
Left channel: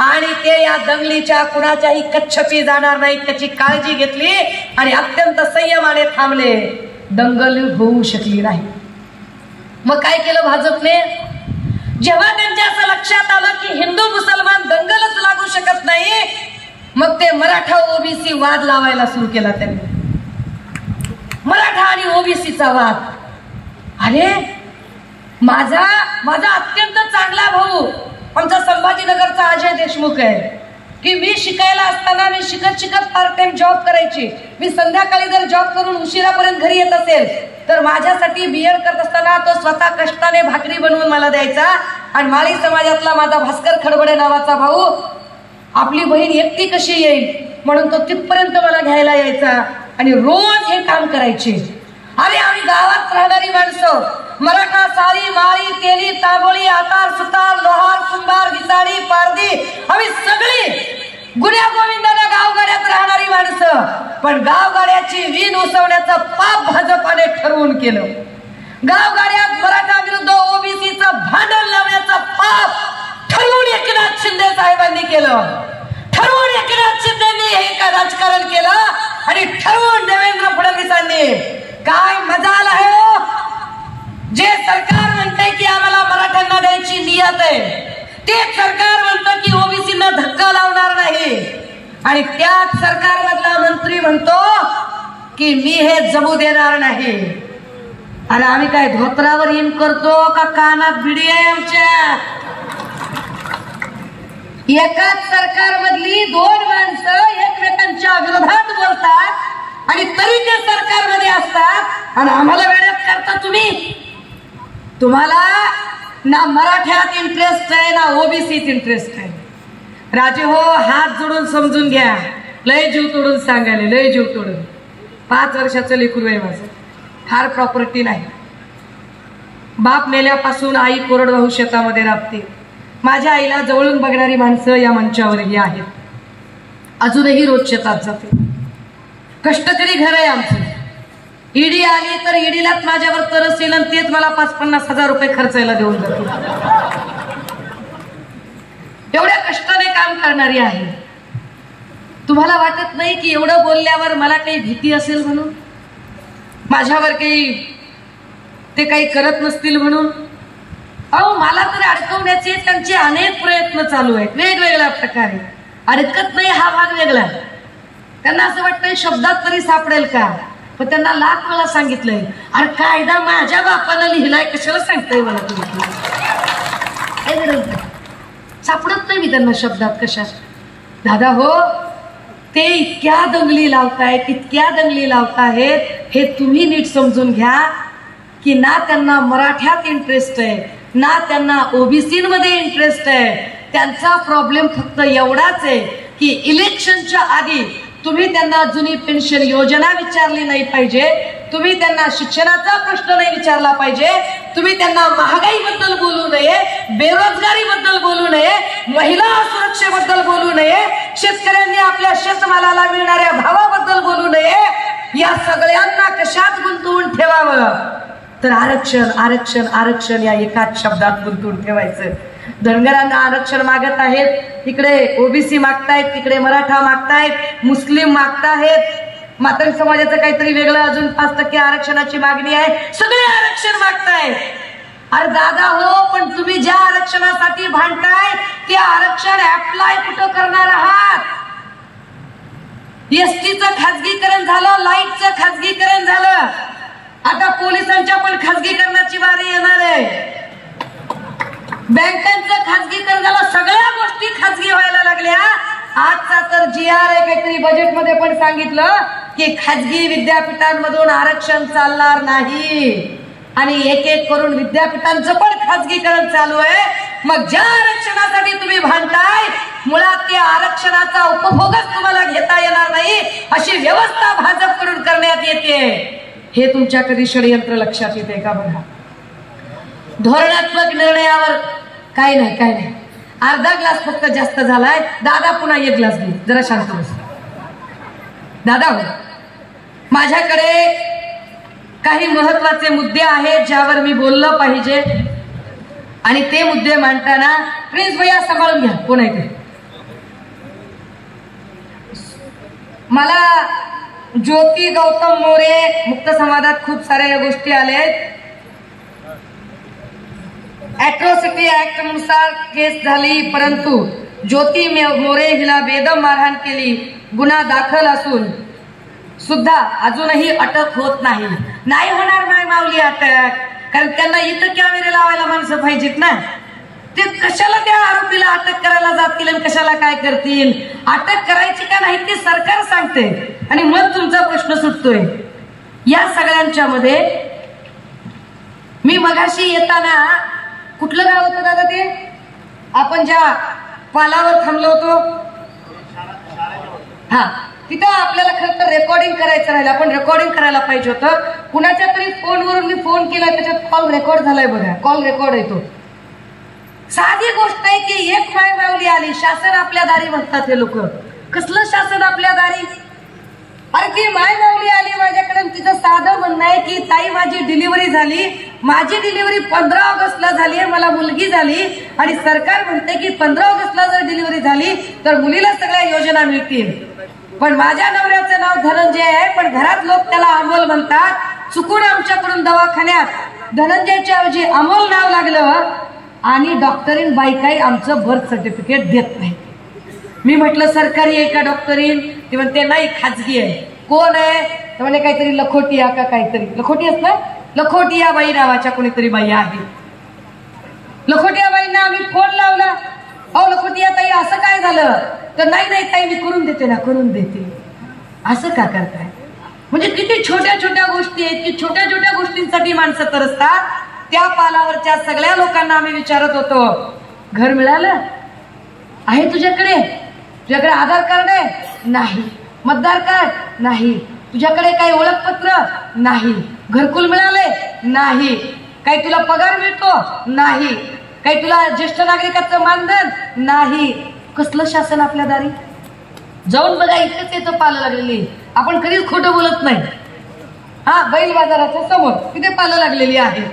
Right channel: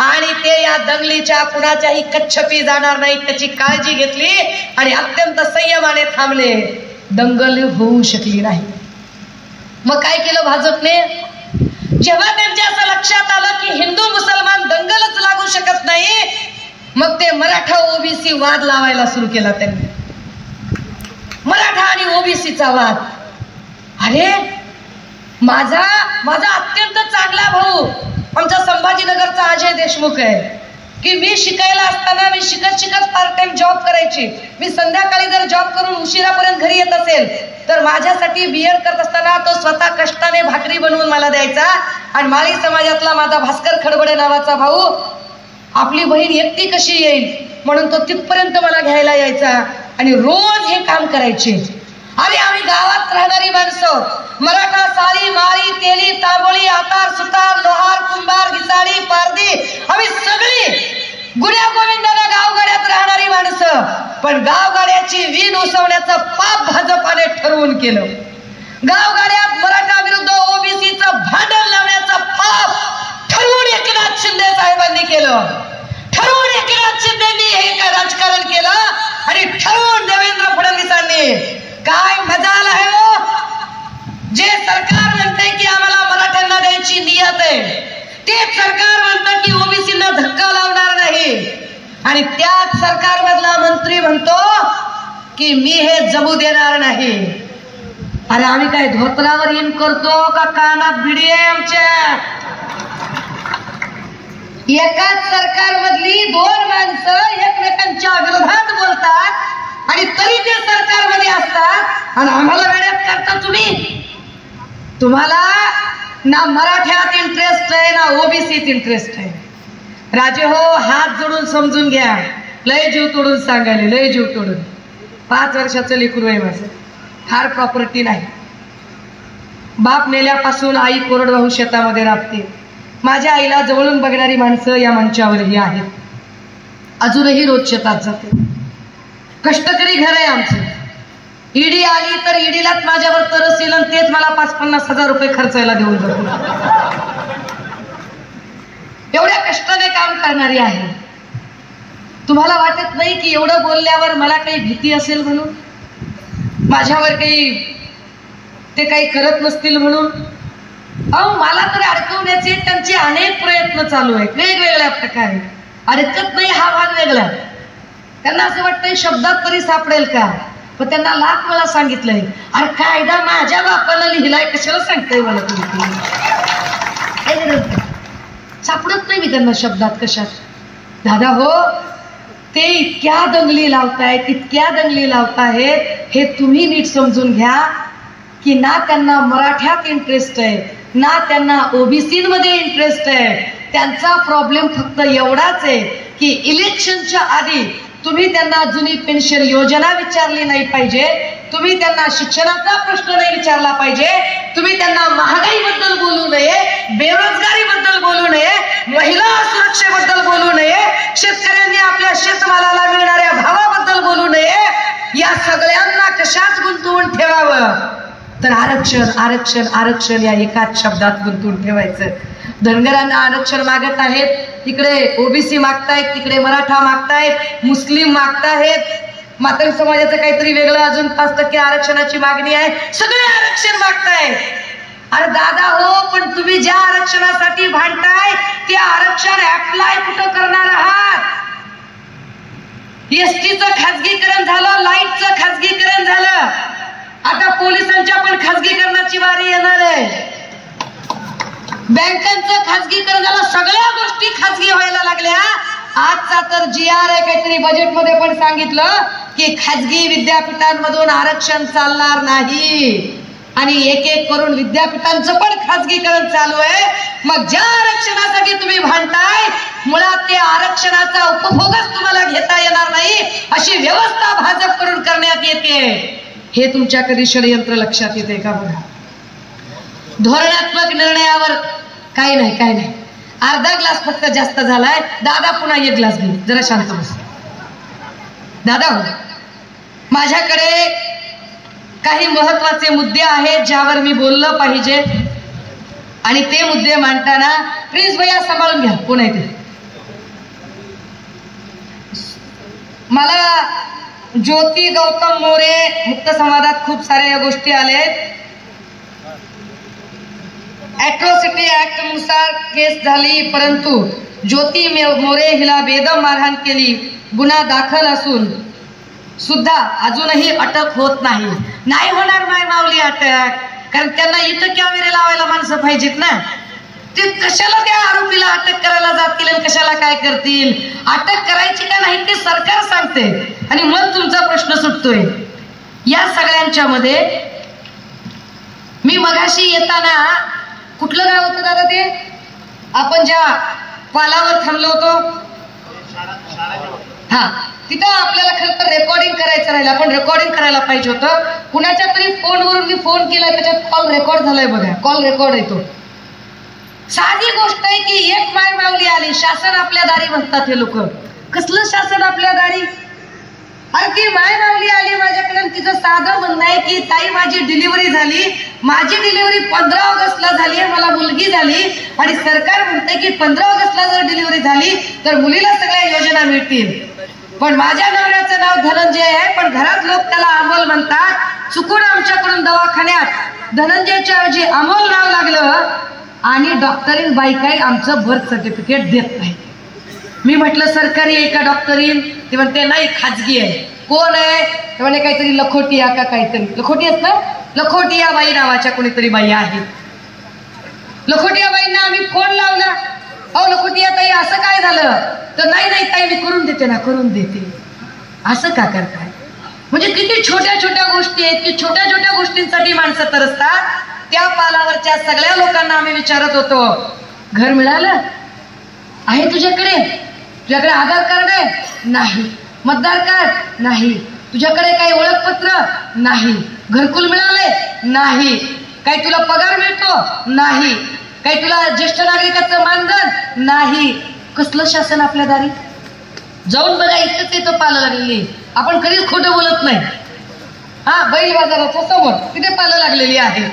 आणि ते या दंगलीच्या कुणाच्याही कच्छपी जाणार नाही त्याची काळजी घेतली आणि अत्यंत संयमाने थांबले. दंगल होऊ शकली नाही. मग काय केलं भाजपने? जेव्हा त्यांच्या असं लक्षात आलं की हिंदू मुसलमान दंगलच लागू शकत नाही मग ते मराठा ओबीसी वाद लावायला सुरू केला. त्यांनी मराठा आणि ओबीसीचा वाद. अरे माझा अत्यंत चांगला भाऊ आमचा संभाजीनगरचा अजय देशमुख आहे की मी शिकायला असताना मी शिकत पार्ट टाइम जॉब करायची. मी संध्याकाळी जर जॉब करून उशिरापर्यंत घरी येत असेल तर माझ्यासाठी बीएड करत असताना तो स्वतः कष्टाने भाकरी बनवून मला द्यायचा. आणि माळी समाजातला माझा भास्कर खडबडे नावाचा भाऊ आपली बहीण एकटी कशी येईल म्हणून तो तिथपर्यंत मला घ्यायला यायचा आणि रोज हे काम करायचे. अरे आम्ही गावात राहणारी माणसं मराठा साळी माळी तेली तांबोळी आतार सुतार लोहार कुंभार घिसाडी पारधी आम्ही सगळी गुन्ह्या गोविंदाला गावगाड्यात राहणारी माणसं पण गावगाड्याची वीण उसवण्याचं पाप भाजपाने ठरवून केलं. गावगाड्यात मराठा विरुद्ध ओबीसीचं भांडण लावण्याचं पाप ठरवून एकनाथ शिंदे साहेबांनी केलं. ठरवून एकनाथ शिंदेनी हे राजकारण केलं आणि ठरवून देवेंद्र फडणवीसांनी. काय मजाल आहे हो. जे सरकार म्हणते की आम्हाला मराठ्यांना द्यायची नियत आहे ते सरकार म्हणतं की ओबीसींना धक्का लावणार नाही आणि त्याच सरकारमधला मंत्री म्हणतो की मी हे जमू देणार नाही. अरे आम्ही काय धोत्रावर इन करतो का कानात भिडी आहे आमच्या? एकाच सरकारमधली दोन माणसं एकमेकांच्या विरोधात बोलतात आणि तरी ते सरकारमध्ये असतात आणि आम्हाला वेड्यात करता तुम्ही. तुम्हाला ना मराठ्यात इंटरेस्ट आहे ना ओबीसीत इंटरेस्ट आहे. राजे हो हात जोडून समजून घ्या. लय जीव तोडून सांगायले लय जीव तोडून. 5 वर्षाचं लेकरू आहे माझं. फार प्रॉपर्टी नाही. बाप मेल्यापासून आई कोरडवाहू शेतामध्ये राबते. माझ्या आईला जवळून बघणारी माणसं या मंचावरही आहेत. अजूनही रोज शेतात जाते. कष्टकरी घर आहे आमचं. ईडी आली तर ईडीलाच माझ्यावर तरस येईल आणि तेच मला 50-50 हजार रुपये खर्चायला देऊन जातो. एवढ्या कष्टाने काम करणारी आहे. तुम्हाला वाटत नाही की एवढं बोलल्यावर मला काही भीती असेल म्हणून? माझ्यावर काही ते काही करत नसतील म्हणून? अहो मला तरी अडकवण्याचे त्यांचे अनेक प्रयत्न चालू आहेत वेगवेगळ्या प्रकारे. अडकत नाही हा भाग वेगळा. त्यांना असं वाटतंय शब्दात तरी सापडेल का. पण त्यांना लाख वेळा सांगितलंय अरे कायदा माझ्या बापानं लिहिलाय कशाला सांगताय मला तुम्ही. सापडत नाही मी त्यांना शब्दात कशात. दादा हो ते इतक्या दंगली लावतायत इतक्या दंगली लावतायत हे तुम्ही नीट समजून घ्या की ना त्यांना मराठ्यात इंटरेस्ट आहे ना त्यांना ओबीसीमध्ये इंटरेस्ट आहे. त्यांचा प्रॉब्लेम फक्त एवढाच आहे की इलेक्शनच्या आधी तुम्ही त्यांना जुनी पेन्शन योजना विचारली नाही पाहिजे. तुम्ही त्यांना शिक्षणाचा प्रश्न नाही विचारला पाहिजे. तुम्ही त्यांना महागाईबद्दल बोलू नये बेरोजगारीबद्दल बोलू नये महिला सुरक्षेबद्दल बोलू नये शेतकऱ्यांनी आपल्या शेतमालाला मिळणाऱ्या भावाबद्दल बोलू नये. या सगळ्यांना कशात गुंतवून ठेवावं तर आरक्षण आरक्षण आरक्षण या एकाच शब्दात गुंतवून ठेवायचं. धनगरांना आरक्षण मागत आहेत तिकडे ओबीसी मागतायत तिकडे मराठा मागतायत मुस्लिम मागतायत. मातंग समाजाचं काहीतरी वेगळं अजून 5% आरक्षणाची मागणी आहे. सगळे आरक्षण मागतायत. अरे दादा हो पण तुम्ही ज्या आरक्षणासाठी भांडताय ते आरक्षण अप्लाय कुठं करणार आहात? एसटीचं खाजगीकरण झालं लाईटचं खाजगीकरण झालं आता पोलिसांच्या पण खाजगीकरणाची वारी येणार आहे. बँकांचं खाजगीकरण झालं सगळ्या गोष्टी खाजगी व्हायला लागल्या. आजचा तर GR आहे काहीतरी बजेटमध्ये पण सांगितलं की खाजगी विद्यापीठांमधून आरक्षण चालणार नाही आणि एक एक करून विद्यापीठांचं पण खाजगीकरण चालू आहे. मग ज्या आरक्षणासाठी तुम्ही भांडताय मुळात त्या आरक्षणाचा उपभोगच तुम्हाला घेता येणार नाही अशी व्यवस्था भाजपकडून करण्यात येते. हे तुमच्या कधी षडयंत्र लक्षात येते का? बघा धोरणात्मक निर्णयावर काय नाही अर्धा ग्लास फक्त जास्त झालाय. दादा पुन्हा 1 ग्लास घे. जरा शांत बस दादा. माझ्याकडे काही महत्वाचे मुद्दे आहेत ज्यावर मी बोललं पाहिजे आणि ते मुद्दे मांडताना प्लीज भैया सांभाळून घ्या. कोण आहे ते? मला ज्योती गौतम मोरे मुक्त संवादात खूप साऱ्या या गोष्टी आल्या आहेत. ॲट्रॉसिटी ऍक्ट नुसार केस झाली, परंतु ज्योती मोरे हिला बेदम मारहाण केली, गुन्हा दाखल असून सुद्धा अजूनही अटक होत नाही. नाही होणार माय माऊली अटक, कारण त्यांना इथं कॅमेरे लावायला माणसं पाहिजेत ना. ते कशाला त्या आरोपीला अटक करायला जातील आणि कशाला काय करतील? अटक करायची का नाही ते सरकार सांगते आणि मग तुमचा प्रश्न सुटतोय. या सगळ्यांच्या मध्ये मी मगाशी येताना, कुठलं गाव होतं दादा ते आपण ज्या पालावर थांबलो होतो, हा तिथं आपल्याला खरं तर रेकॉर्डिंग करायचं राहिलं. आपण रेकॉर्डिंग करायला पाहिजे होतं. कुणाच्या तरी फोनवरून मी फोन केला, त्याच्यात कॉल रेकॉर्ड झालाय बघा. कॉल रेकॉर्ड येतो. साधी गोष्ट आहे की एक माय माऊली आली, शासन आपल्या दारी म्हणतात हे लोक. कसलं शासन आपल्या दारी? अरे ती माय माऊली आली माझ्याकडे, तिचं साधं म्हणणं आहे की ताई माझी डिलिव्हरी झाली, माझी डिलिव्हरी 15 ऑगस्टला झाली, मला मुलगी झाली आणि सरकार म्हणते की 15 ऑगस्टला जर डिलिव्हरी झाली तर मुलीला सगळ्या योजना मिळतील. पण माझ्या नवऱ्याचं नाव धनंजय आहे, पण घरात लोक त्याला अमोल म्हणतात. चुकून आमच्याकडून दवाखान्यात धनंजयच्या ऐवजी अमोल नाव लागलं आणि डॉक्टरीन बाई काही आमचं बर्थ सर्टिफिकेट देत नाही. मी म्हटलं सरकारी आहे का डॉक्टरीन? ते म्हणते नाही खाजगी आहे. कोण आहे? ते म्हणे काहीतरी लखोटिया का काहीतरी. लखोटी असतं, लखोटिया बाई नावाच्या कोणीतरी बाई आहेत. लखोटिया बाईंना आम्ही फोन लावला, अहो लखोटिया ताई असं काय झालं? तर नाही नाही ताई मी करून देते ना, करून देते. असं का करताय? म्हणजे किती छोट्या छोट्या गोष्टी आहेत की छोट्या छोट्या गोष्टींसाठी माणसं तरसतात. त्या पालावरच्या सगळ्या लोकांना आम्ही विचारत होतो, घर मिळालं आहे तुझ्याकडे? तुझ्याकडे आधार कार्ड आहे? नाही. मतदार कार्ड? नाही. तुझ्याकडे काही ओळखपत्र? नाही. घरकुल मिळाले? नाही. काही तुला पगार मिळतो? नाही. काही तुला ज्येष्ठ नागरिकाचं मानधन? नाही. कसलं शासन आपल्या दारी? जाऊन बघा, इथेच येतं पालं लागलेली. आपण कधीच खोटं बोलत नाही. हा बैल बाजाराच्या समोर तिथे पालं लागलेली आहे.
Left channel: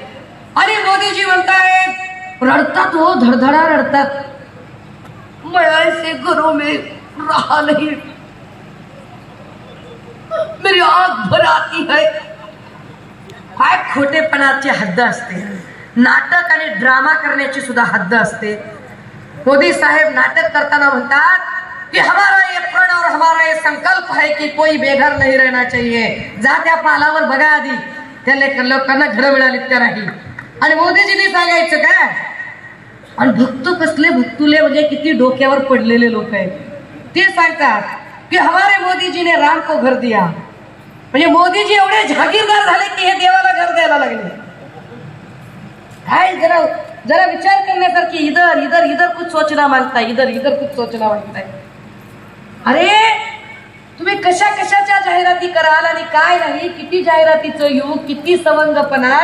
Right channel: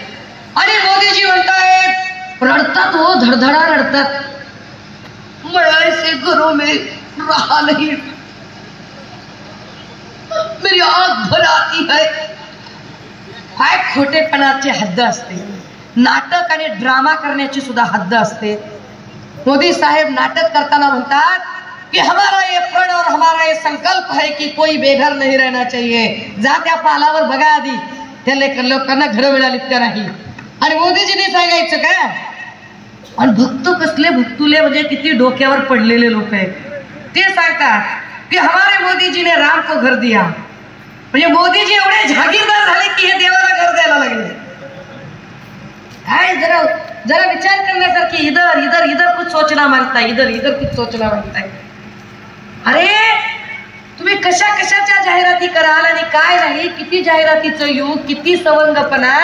आणि मोदीजी म्हणतायत, रडतात हो, धडधडा रडतात. मैं ऐसे घरों में रहा नहीं, मेरी आंख भर आती है. काय खोटेपणाची हद्द असते. नाटक आणि ड्रामा करण्याची सुद्धा हद्द असते. मोदी साहेब नाटक करताना म्हणतात कि हमारा ये प्रण और हमारा ये संकल्प है कि कोई बेघर नहीं रहना चाहिए. जा त्या पालावर बघा आधी त्या लोकांना घर मिळाली त्या नाही. आणि मोदीजीने सांगायचं काय? आणि भक्त कसले भक्तुले म्हणजे किती डोक्यावर पडलेले लोक आहेत. ते सांगतात की हमारे मोदीजी ने राम को घर दिया. म्हणजे मोदीजी एवढे जागीरदार झाले की हे देवाला घर द्यायला लागले. काय जरा जरा विचार करण्यासारखी. इधर इधर इधर कुछ सोचना मांगता है, इधर इधर कुछ सोचना मांगता है. अरे तुम्ही कशा कशाच्या जाहिराती कराल आणि काय नाही. किती जाहिरातीचं युग, किती सवंगपणा.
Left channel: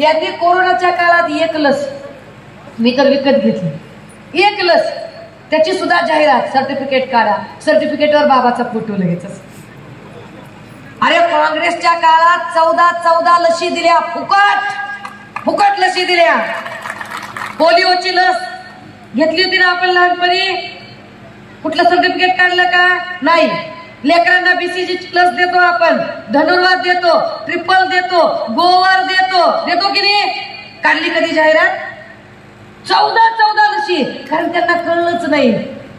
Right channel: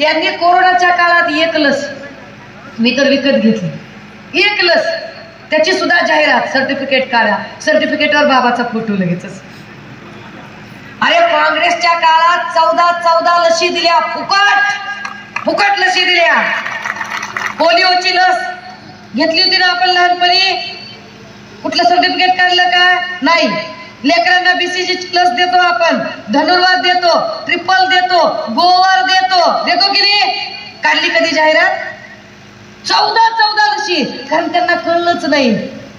यांनी कोरोनाच्या काळात 1 लस मी तर विकत घेतली. 1 लस त्याची सुद्धा जाहिरात. सर्टिफिकेट काढा, सर्टिफिकेटवर बाबाचा फोटो लगेचच. अरे काँग्रेसच्या काळात 14 लसी दिल्या, फुकट लसी दिल्या. पोलिओची लस घेतली होती ना आपण लहानपणी. कुठलं सर्टिफिकेट काढलं का? नाही. लेकरांना BCG लस देतो आपण, धनुर्वात देतो, ट्रिपल देतो, गोवर देतो की नाही? काढली कधी जाहिरात? 14 लसी. कारण त्यांना कळलंच नाही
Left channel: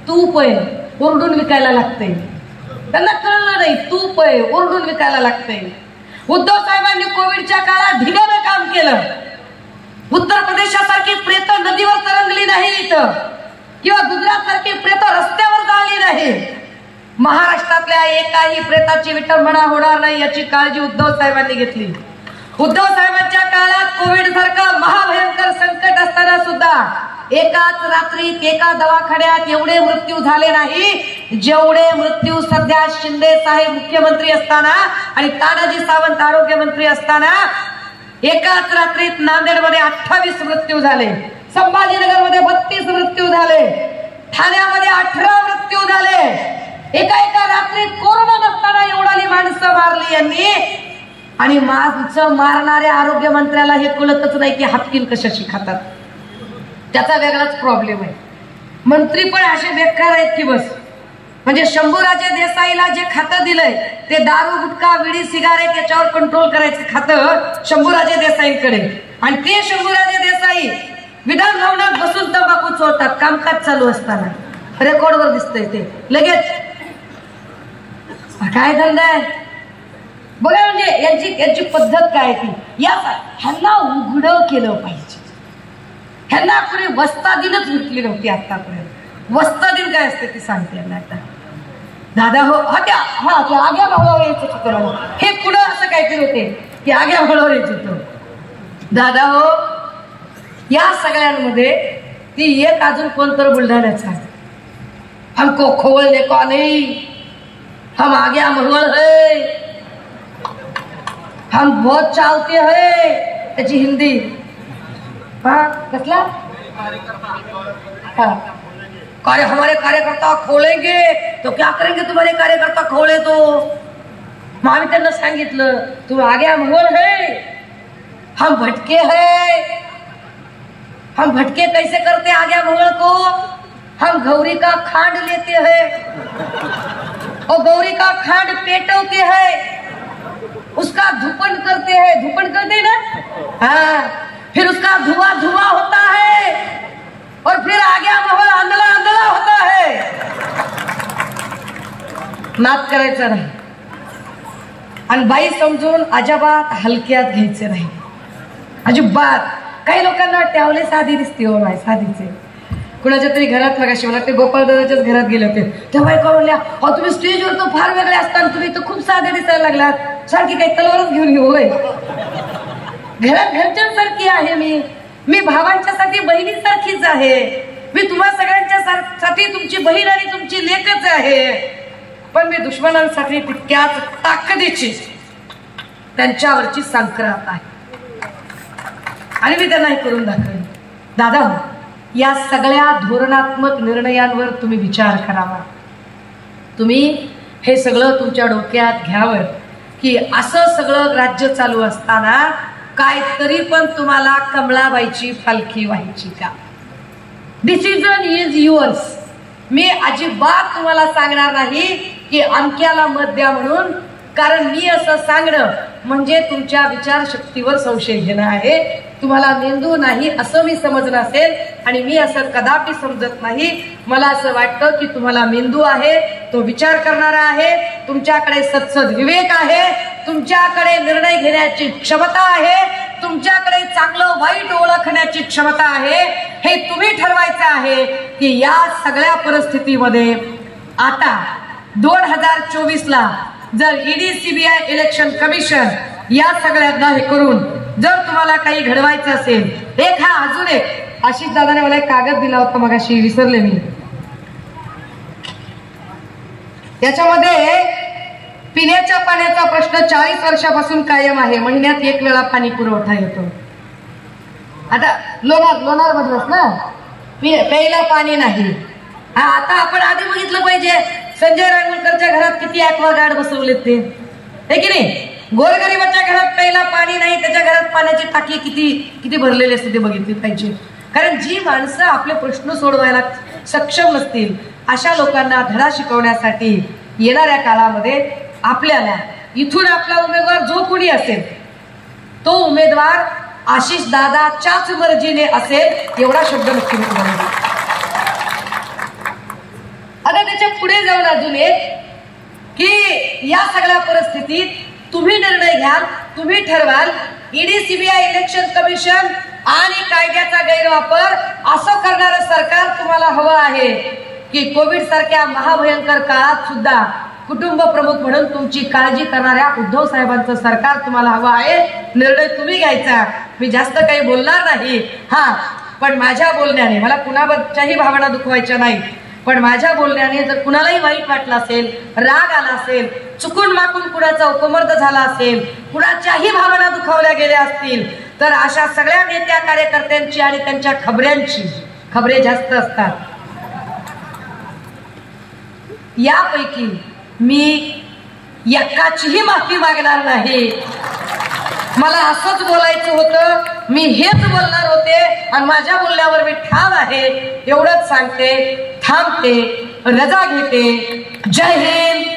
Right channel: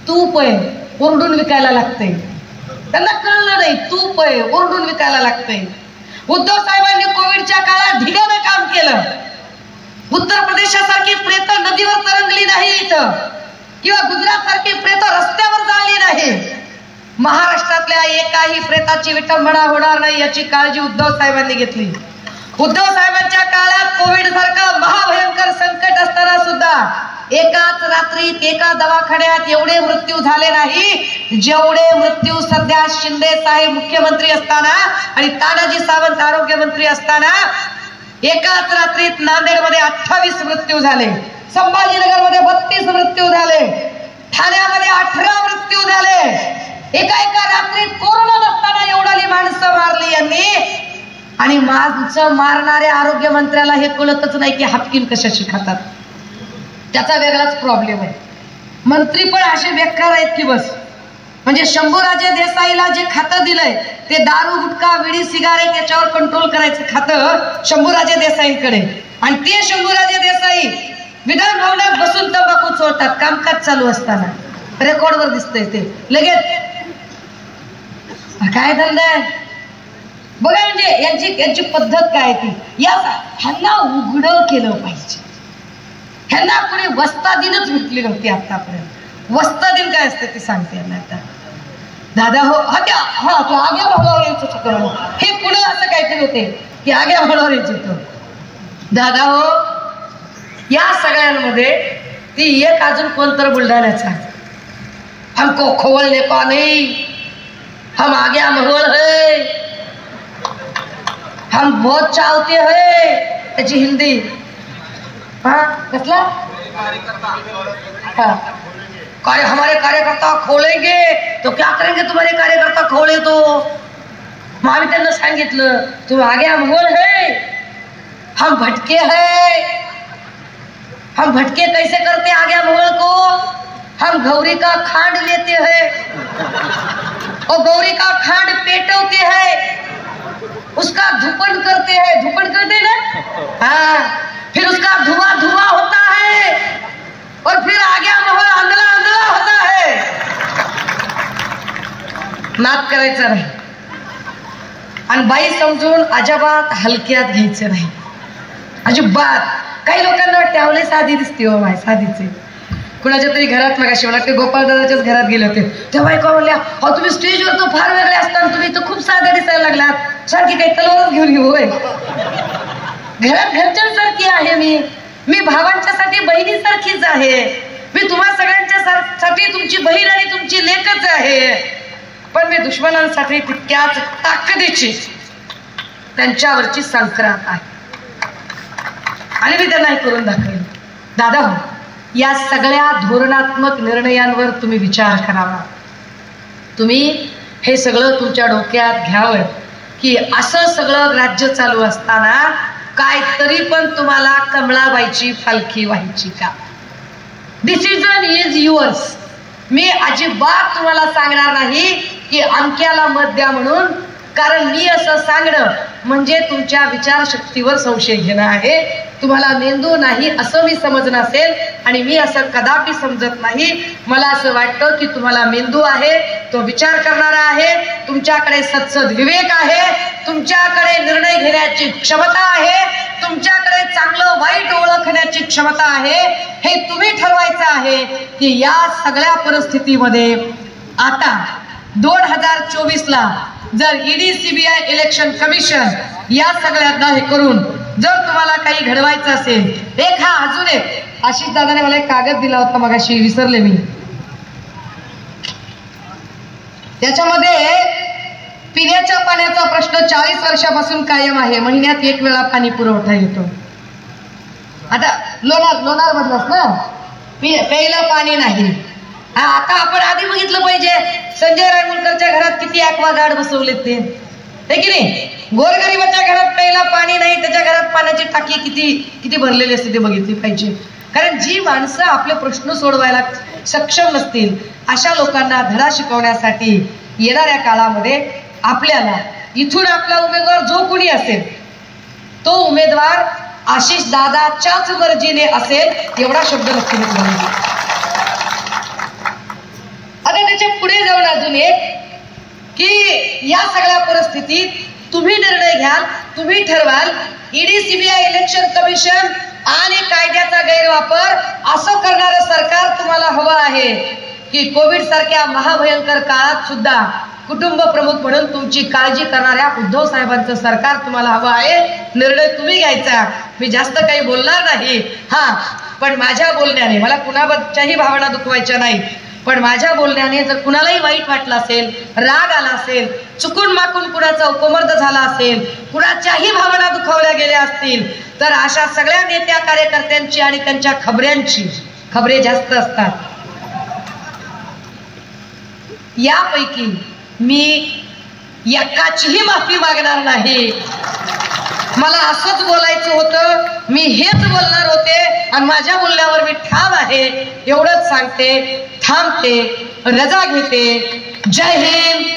तूप आहे ओरडून विकायला लागतंय. त्यांना कळलं नाही तूप आहे ओरडून विकायला लागतंय. उद्धव साहेबांनी कोविडच्या काळात ढिगानं काम केलं. उत्तर प्रदेशासारखी प्रेत नदीवर तरंगली नाही इथं, किंवा गुजरात सारखी प्रेत रस्त्यावर जाळली नाही. महाराष्ट्रातल्या एकाही प्रेताची विटंबना होणार नाही याची काळजी उद्धव साहेबांनी घेतली. उद्धव साहेबांच्या काळात कोविड सारखं महाभयंकर संकट असताना सुद्धा एकाच रात्रीत एका दवाखान्यात एवढे मृत्यू झाले नाही जेवढे मृत्यू सध्या शिंदे साहेब मुख्यमंत्री असताना आणि तानाजी सावंत आरोग्य मंत्री असताना एकाच रात्रीत नांदेडमध्ये 28 मृत्यू झाले. संभाजीनगरमध्ये 32 मृत्यू झाले, ठाण्यामध्ये 18 मृत्यू झाले. एका रात्रीत कोरोना नसताना एवढी माणसं मारली यांनी. आणि मारणाऱ्या आरोग्य मंत्र्याला हे कळतच नाही की हापकीन कशाशी खातात. त्याचा वेगळाच प्रॉब्लेम आहे. मंत्री पण असे बेकार आहेत की बस. म्हणजे शंभूराजे देसाईला जे खातं दिलंय ते दारू गुटखा विडी सिगारेट याच्यावर कंट्रोल करायचं खातं शंभूराजे देसाईंकडे. आणि ते शंभूराजे देसाई विधान भवनात बसून तंबाखू चोरतात कामकाज चालू असताना. रेकॉर्डवर दिसतंय ते लगेच. काय धंदा आहे बघा. म्हणजे यांची पद्धत काय ती. ह्यांना उघड केलं पाहिजे. ह्यांना कुणी वस्तादीनच विटली नव्हती आतापर्यंत. वस्तादीन काय असते ते सांगते यांना आता. दादा हो आग्या भावावर यायचं होतं. हे पुन्हा असं काहीतरी होते की आग्या भावावर यायचं होतं. दादा हो या सगळ्यांमध्ये ती एक अजून कोणतर बुलढाण्याचा हमको खोवलने का नहीं, हम आग्या महल है, हम बहुत चालते हैं. त्याची हिंदी हा कसला हा कार्य हमारे कार्यकर्ता खोलेंगे तो क्या करेंगे तुम्हारे कार्यकर्ता खोले तो. मग आम्ही त्यांना सांगितलं तू आग्या महल है, हम भटके है. हम भटके कैसे करते आग्या महल को. हम गौरी का खांड लेते हैं और गौरी का खांड पेटोते हैं, उसका धूपन करते हैं. धूपन करते ना हाँ. फिर उसका धुआं होता है और फिर आग्या महल अंधला होता है. नाद करायचं नाही आणि बाई समजून अजिबात हलक्यात घ्यायचं नाही अजिबात. काही लोकांना टॅवले साधी दिसते हो माय साधीचे. कुणाच्या तरी घरात मगाशी मला गोपाळदादाच्याच घरात गेले होते तेव्हा बायका म्हणल्या अहो तुम्ही स्टेजवर तर फार वेगळे असताना तुम्ही तर खूप साध्या दिसायला लागलात. सारखी काही तलवारच घेऊन येऊ होय. घरात घरच्यांसारखी आहे मी भावांच्यासाठी बहिणीसारखीच आहे. मी तुम्हा सगळ्यांच्या साठी तुमची बहीण आणि तुमची लेकच आहे. पण मी दुश्मनांसाठी तितक्याच ताकदीची त्यांच्यावरची संक्रांत आहे आणि मी त्यांना हे करून दाखवेन. दादा या सगळ्या धोरणात्मक निर्णयांवर तुम्ही विचार करावा. तुम्ही हे सगळं तुमच्या डोक्यात घ्यावं की असं सगळं राज्य चालू असताना काय तरी पण तुम्हाला कमळाबाईची पालखी व्हायची का. Decision is yours. मी अजिबात तुम्हाला सांगणार नाही की अमक्याला मत द्या म्हणून. कारण मी असं सांगणं म्हणजे तुमच्या विचारशक्तीवर संशय घेणं आहे. तुम्हाला मेंदू नाही असं मी समजणं असेल आणि मी असं कदापि समजत नाही. मला असं वाटतं की तुम्हाला मेंदू आहे, तो विचार करणारा आहे, तुमच्याकडे सत्सद विवेक आहे, तुमच्याकडे निर्णय घेण्याची क्षमता आहे, तुमच्याकडे चांगलं वाईट ओळखण्याची क्षमता आहे. हे तुम्ही ठरवायचं आहे की या सगळ्या परिस्थितीमध्ये आता 2024ला जर ईडी सीबीआय इलेक्शन कमिशन या सगळ्यांना हे करून जर तुम्हाला काही घडवायचं असेल. अजून एक आशिष दादाने मला एक कागद दिला होता मगाशी विसरले मी. त्याच्यामध्ये पिण्याच्या पाण्याचा प्रश्न 40 वर्षापासून कायम आहे. महिन्यात 1 वेळा पाणी पुरवठा येतो. आता लोणार मधलंच ना प्यायला पाणी नाही. आता आपण आधी बघितलं पाहिजे संजय रानवलकरच्या घरात किती ॲक्वागार्ड बसवलेत ते है की नाही. गोरगरिबाच्या घरात प्यायला पाणी नाही, त्याच्या घरात पाण्याची टाकी किती भरलेली असते ते बघितली पाहिजे. कारण जी माणसं आपले प्रश्न सोडवायला सक्षम नसतील अशा लोकांना धडा शिकवण्यासाठी येणाऱ्या काळामध्ये आपल्याला इथून आपला उमेदवार जो कोणी असेल तो उमेदवार आशिष दादाच्याच मर्जीने असेल एवढा शब्द नक्की निघाला. आता त्याच्या पुढे जाऊन अजून एक की या सगळ्या परिस्थितीत तुम्ही निर्णय घ्याल, तुम्ही ठरवाल. ईडी सीबीआय इलेक्शन कमिशन आणि कायद्याचा गैरवापर असं करणारं सरकार तुम्हाला हवं आहे की कोविड सारख्या महाभयंकर काळात सुद्धा कुटुंब प्रमुख म्हणून तुमची काळजी करणाऱ्या उद्धव साहेबांचं सरकार तुम्हाला हवं आहे. निर्णय तुम्ही घ्यायचा. मी जास्त काही बोलणार नाही. पण माझ्या बोलण्याने मला कुणाच्याही भावना दुखवायच्या नाही. पण माझ्या बोलण्याने जर कुणालाही वाईट वाटलं असेल, राग आला असेल, चुकून माकून कुणाचा उपमर्द झाला असेल, कुणाच्याही भावना दुखावल्या गेल्या असतील तर अशा सगळ्या नेत्या कार्यकर्त्यांची आणि त्यांच्या खबरे जास्त असतात. यापैकी मी एकाचीही माफी मागणार नाही. मला असंच बोलायचं होतं, मी हेच बोलणार होते आणि माझ्या बोलण्यावर मी ठाम आहे. एवढंच सांगते, थांबते, रजा घेते. जय हिंद.